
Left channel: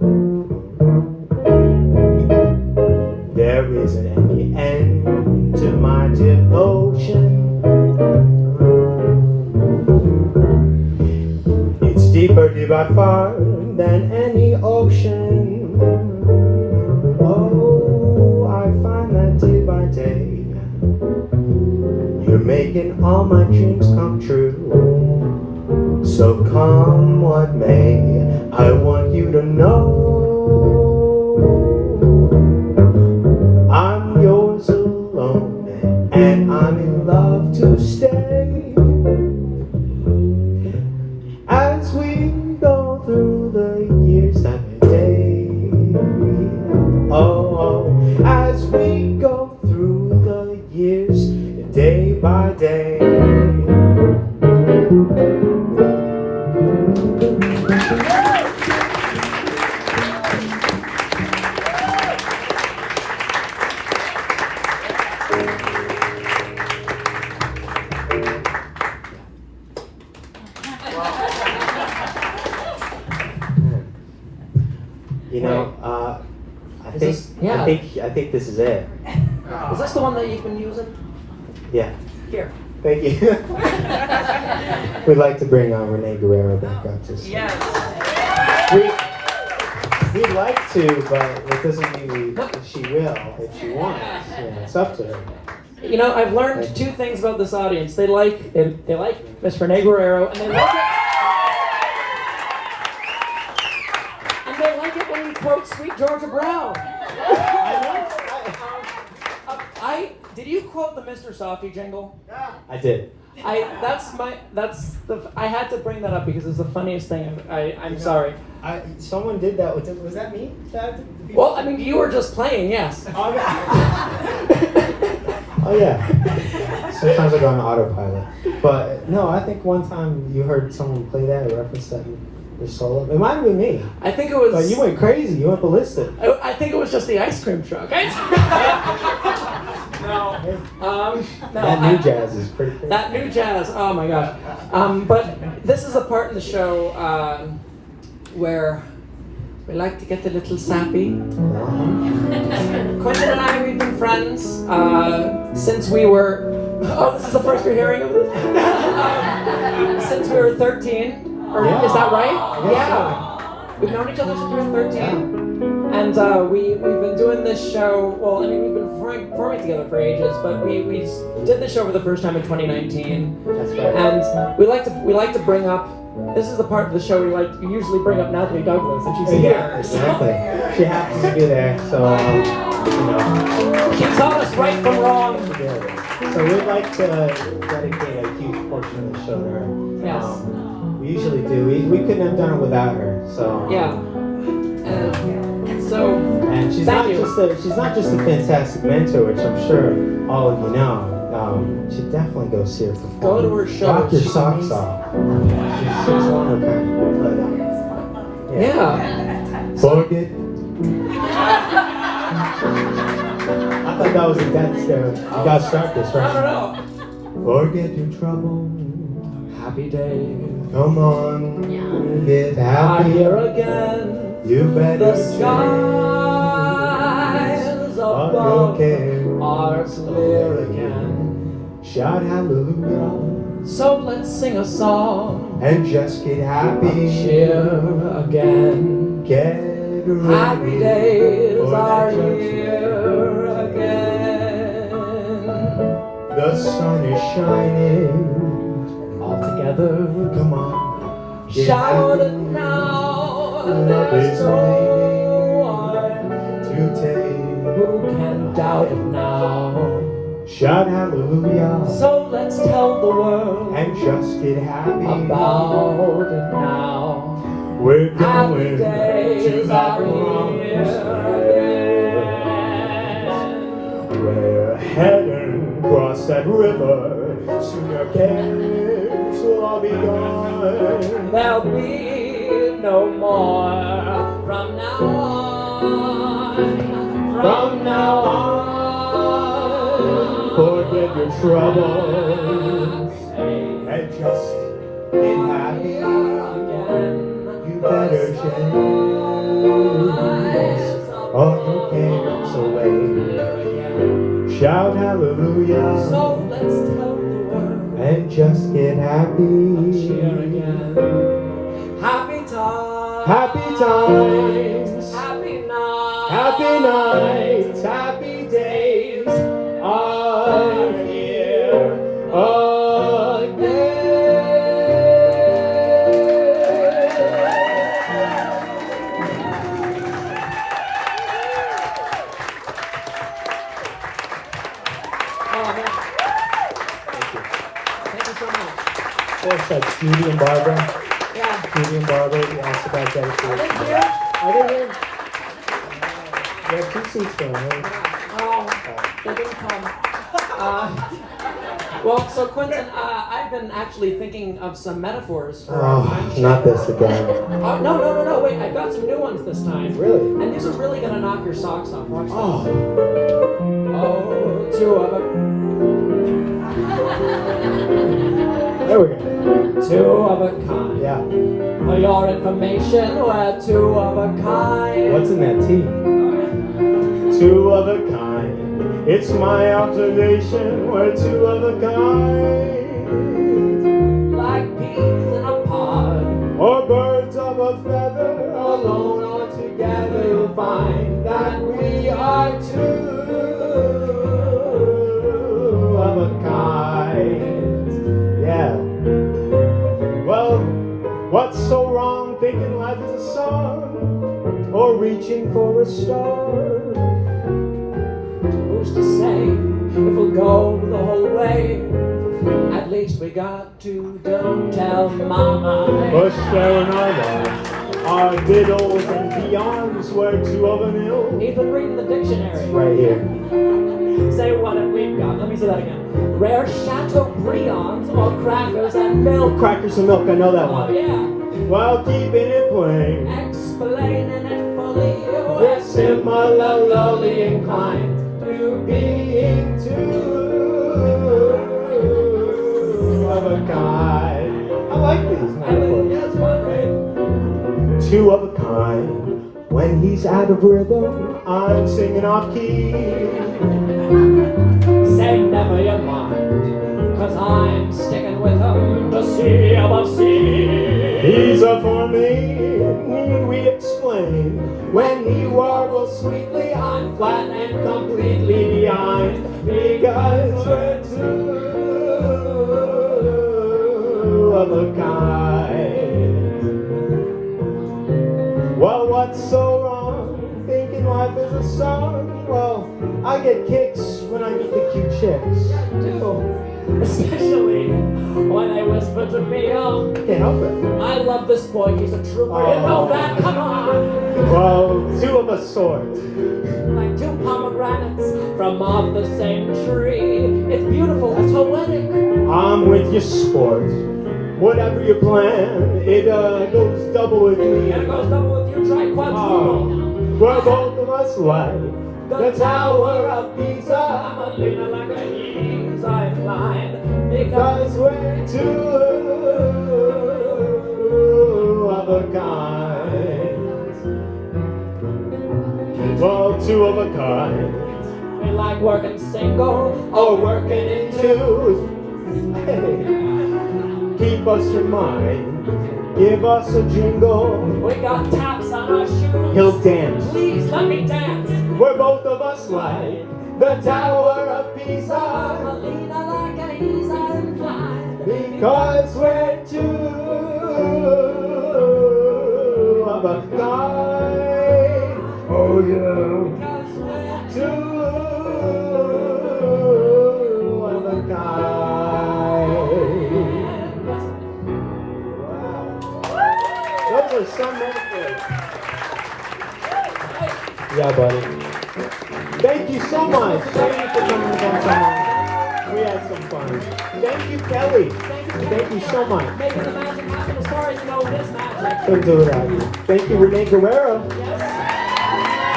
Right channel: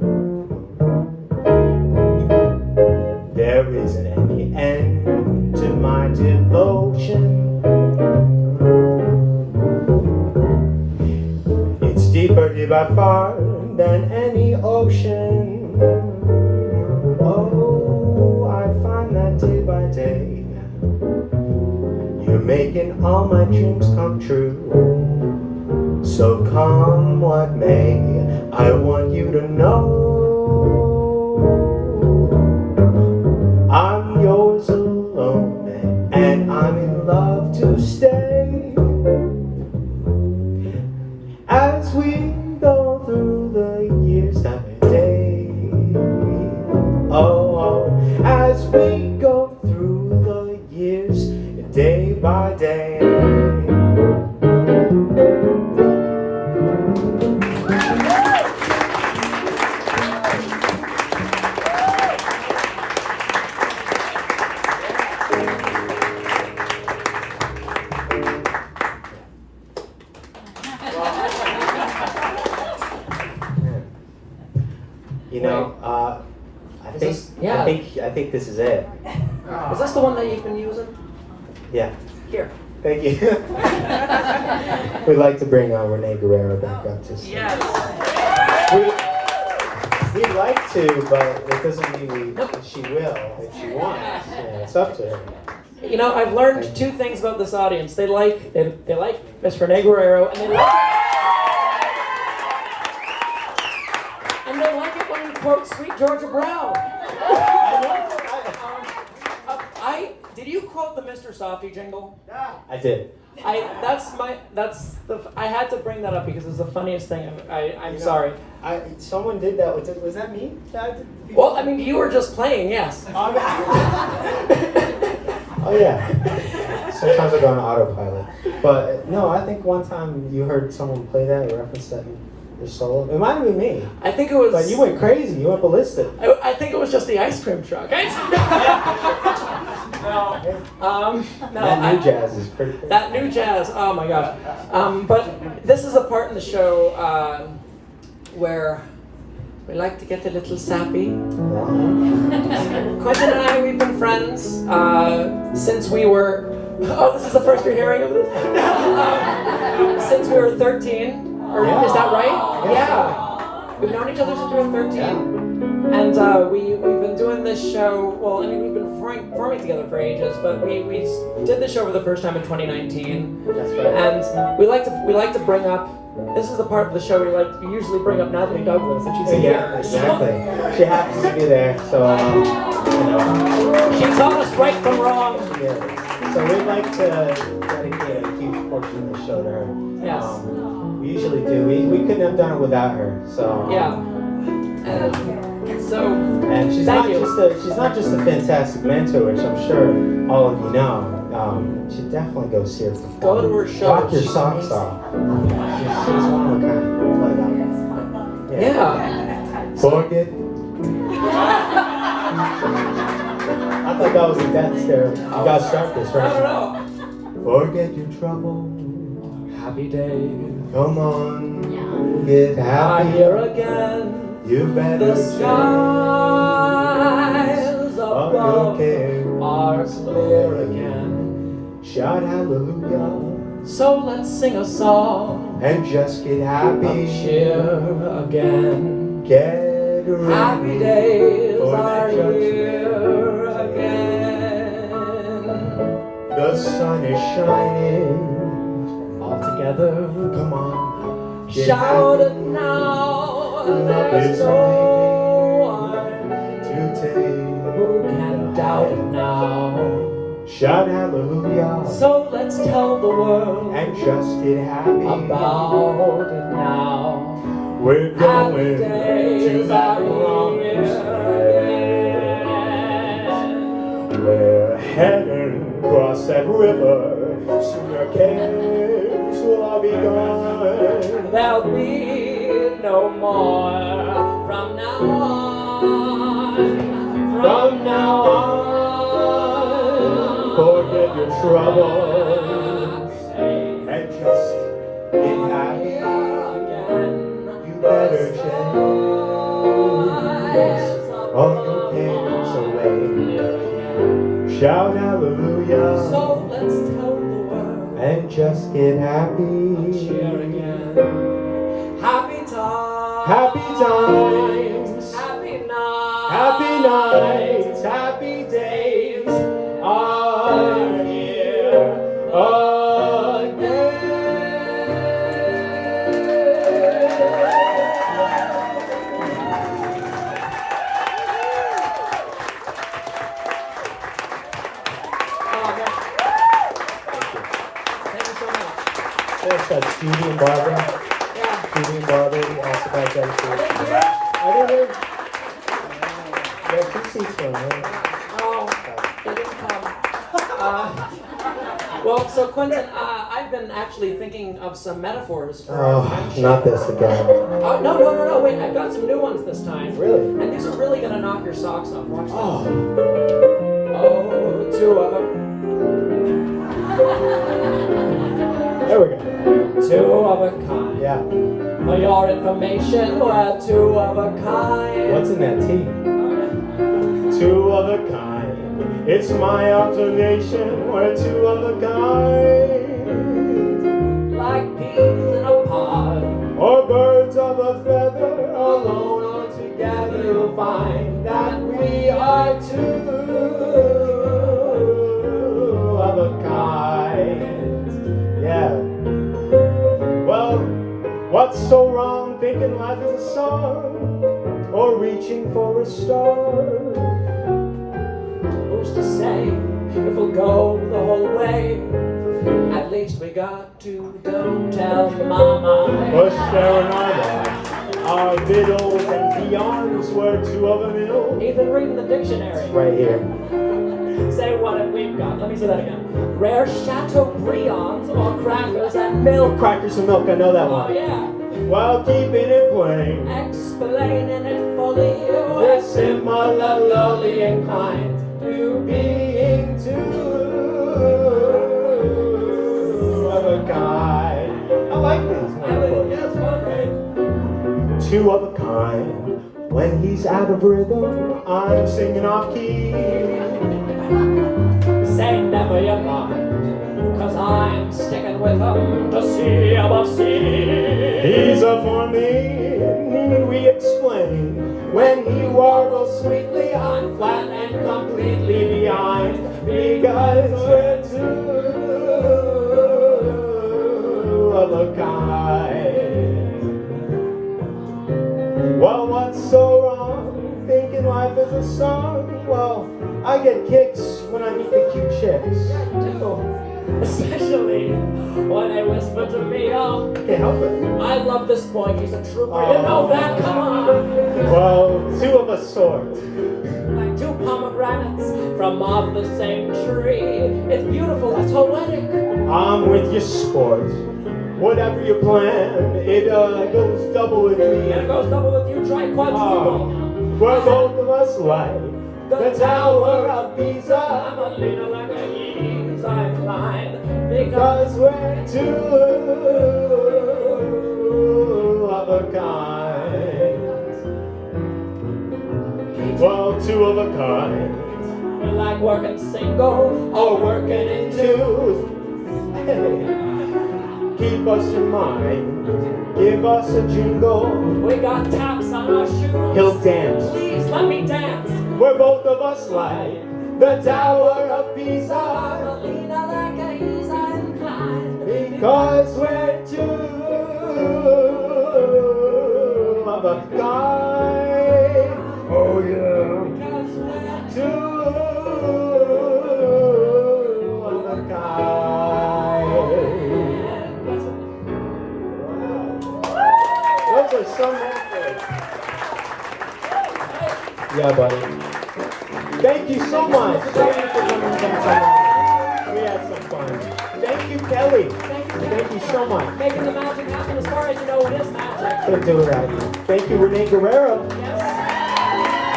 There isn't any end to my devotion. It's deeper, deep by far than any ocean. Oh, I find that day by day, you're making all my dreams come true. So come what may, I want you to know I'm yours alone, and I'm in love to stay as we go through the years that day. Oh, as we go through the years, day by day. You know, I think this is it. Is this the one that you've been using? Yeah. Here. Thank you. We'd like to bring Renée Guerrero back up to sing. Yes. We'd like to, but it doesn't mean that she will if she wants. You know, it's up to her. You know, I've learned two things about this audience. They like Miss Renée Guerrero, and they like it when we quote Sweet Georgia Brown. I know. Did you quote the Mr. Softy jingle? I did. I had to bring that up because it's the funniest thing. I'm sorry. Someone did that. Was that me? Well, I mean, you were just playing, yes. Oh yeah. Sometimes I go on autopilot. But no, I think one time you heard someone play that or reference that in your solo. It might have been me. I think it was. But you went crazy. You went ballistic. I think it was just the ice cream truck. No, That new jazz is pretty cool. That new jazz, oh my gosh. But this is a part in the show where we like to get a little sappy. Quintin and I, we've been friends since we were, this is the first you're hearing of this? Since we were 13, or is that right? Yeah. We've known each other since we were 13. And we've been doing this show, well, I mean, we've been performing together for ages, but we did the show for the first time in 2019. That's right. And we like to bring up, this is the part of the show where you usually bring up Natalie Douglas, and she's here. Yeah, exactly. She happens to be there, so, you know. She taught us right from wrong. Yeah. So we'd like to dedicate a huge portion of the show to her. Yes. We usually do. We couldn't have done it without her, so. Yeah. And she's thank not you. she's not just a fantastic mentor, which I'm sure all of you know. You should definitely go see her perform. Go to her show. Rock your She's socks amazing. off. She's one of a kind. Let it out. Yeah. Forget. I thought that was a death stare. You gotta start this, I right? don't know. Forget your trouble. Happy day. Come on. Get I'm happy. here again. You better The change skies all your above cares. are clear again. Shout hallelujah So let's sing a song. and just get happy. Cheer again. Get ready. Happy days for are that judgment. here again. The sun is shining. All together, Come on. Get shout it happy. now. Love There's is no waiting one to take. who can doubt it now. Shout hallelujah So let's tell the world and just get happy. about it now. We're Happy going to days that are promise here again. We're heading across that river. Soon your cares will all be gone. There'll be no more from now on. From now on, forget your troubles and just get happy. You better chase all your cares away. Shout hallelujah So let's tell the world. and just get happy. Cheer again. Happy times. Happy times. Happy nights. Happy nights, happy days are here Oh, man. Thank you so much. There's Judy and Barbara. Yeah. Judy and Barbara, we asked about that. Are they here? Are they here? There are 2 seats for them. Oh, they didn't come. Well, so Quintin, I've been actually thinking of some metaphors for our Oh, friendship. not this again. No, wait, I've got some new ones this time. Really? And these are really gonna knock your socks off. Watch this. Oh, Oh, 2 of them. there we go. 2 of a kind. Yeah. For your information, we're 2 of a kind. What's in that tea? 2 of a kind. It's my observation. We're 2 of a kind. Like peas in a pod. Or birds of a feather, alone or together, you'll find that we are 2 of a kind. Yeah. Well, what's so wrong thinking life is a song or reaching for a star? Who's to say we'll go the whole way, at least we got to don't tell mama. Bush Fernandez, our diddles and peons were two of them ill. Even reading the dictionary. Right here. Say what have we got? Let me say that again. Rare Chateaubriands or crackers and milk. Crackers and milk, I know that Oh one. yeah. While keeping it plain, Explaining it fully. we're similarly inclined to being two of a kind. I like these. I think that's one thing. Two of a kind. When he's out of rhythm, I'm singing off key. Say never you mind, 'cause I'm sticking with him to see above sea. He's a for me, we explain. When he warbles sweetly, I'm flat and completely behind. Because we're two of a kind. Well, what's so wrong? Thinking life is a song? Well, I get kicks when I meet the cute chicks. Too. Especially when they whisper to me, oh, Can't help it. I love this boy, he's a trooper, you know that, come on. Well, two of a sort. Like two pomegranates from off the same tree. It's beautiful, it's poetic. I'm with your sport. Whatever you plan, it goes double with me. And it goes double with you, try quadruple. We're both of us like the Tower of Pisa. I'm a leaner like a ease, I find. Because we're two of a kind. Well, two of a kind. You like working single or working in twos? Hey, keep us in mind. Give us a jingle. We got taps on our shoes. He'll dance. Please let me dance. We're both of us like the Tower of Pisa. I'm a leaner like a ease, I incline. Because we're two of a kind. Oh yeah. Because we're Two of a kind. Those are so nice. Yeah, buddy. Thank you so much. Thank you for coming down. We had some fun. Thank you, Kelly. Thank you so much. making the magic happen as far as you know it is magic. For doing that. Thank you, Renée Guerrero. Yes.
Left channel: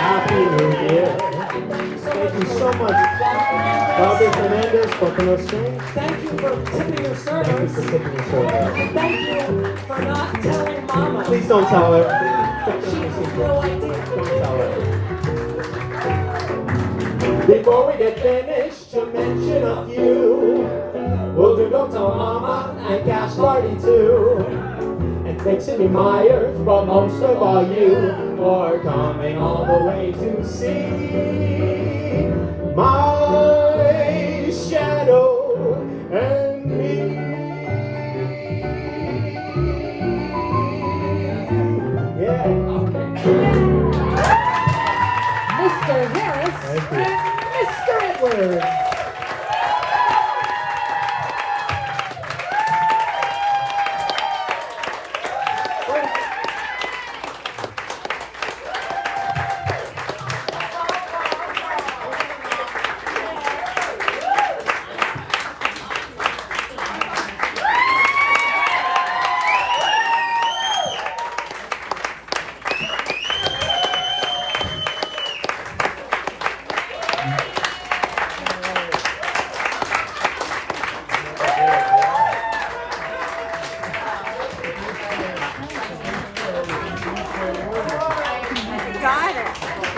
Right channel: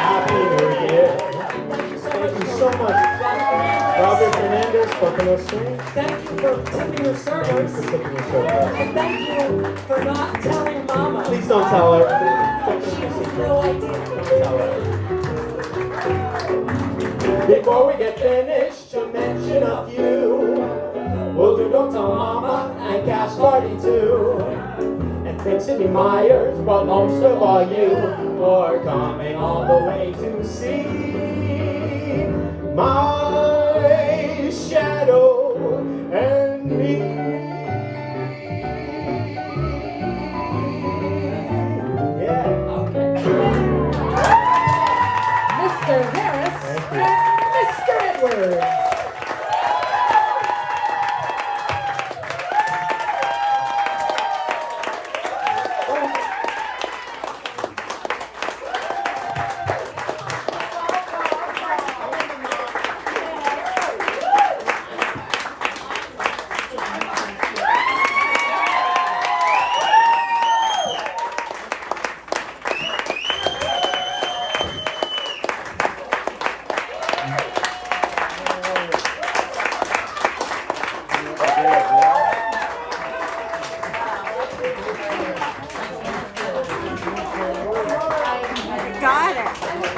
Happy New Year. Thank you so much. Robert Fernandez for pronunciation. Thank you for tipping your Thanks servers. for tipping the service. Thank you for not telling mama. Please don't tell her. She has no idea. Don't tell her. Before we get finished, to mention a few, we'll do Go Tell Mama and Cash Party too. And Trixie Myers, but most of all you, for coming all the way to see my shadow and me. Yeah. Mr. Harris Thank you. and Mr. Edwards.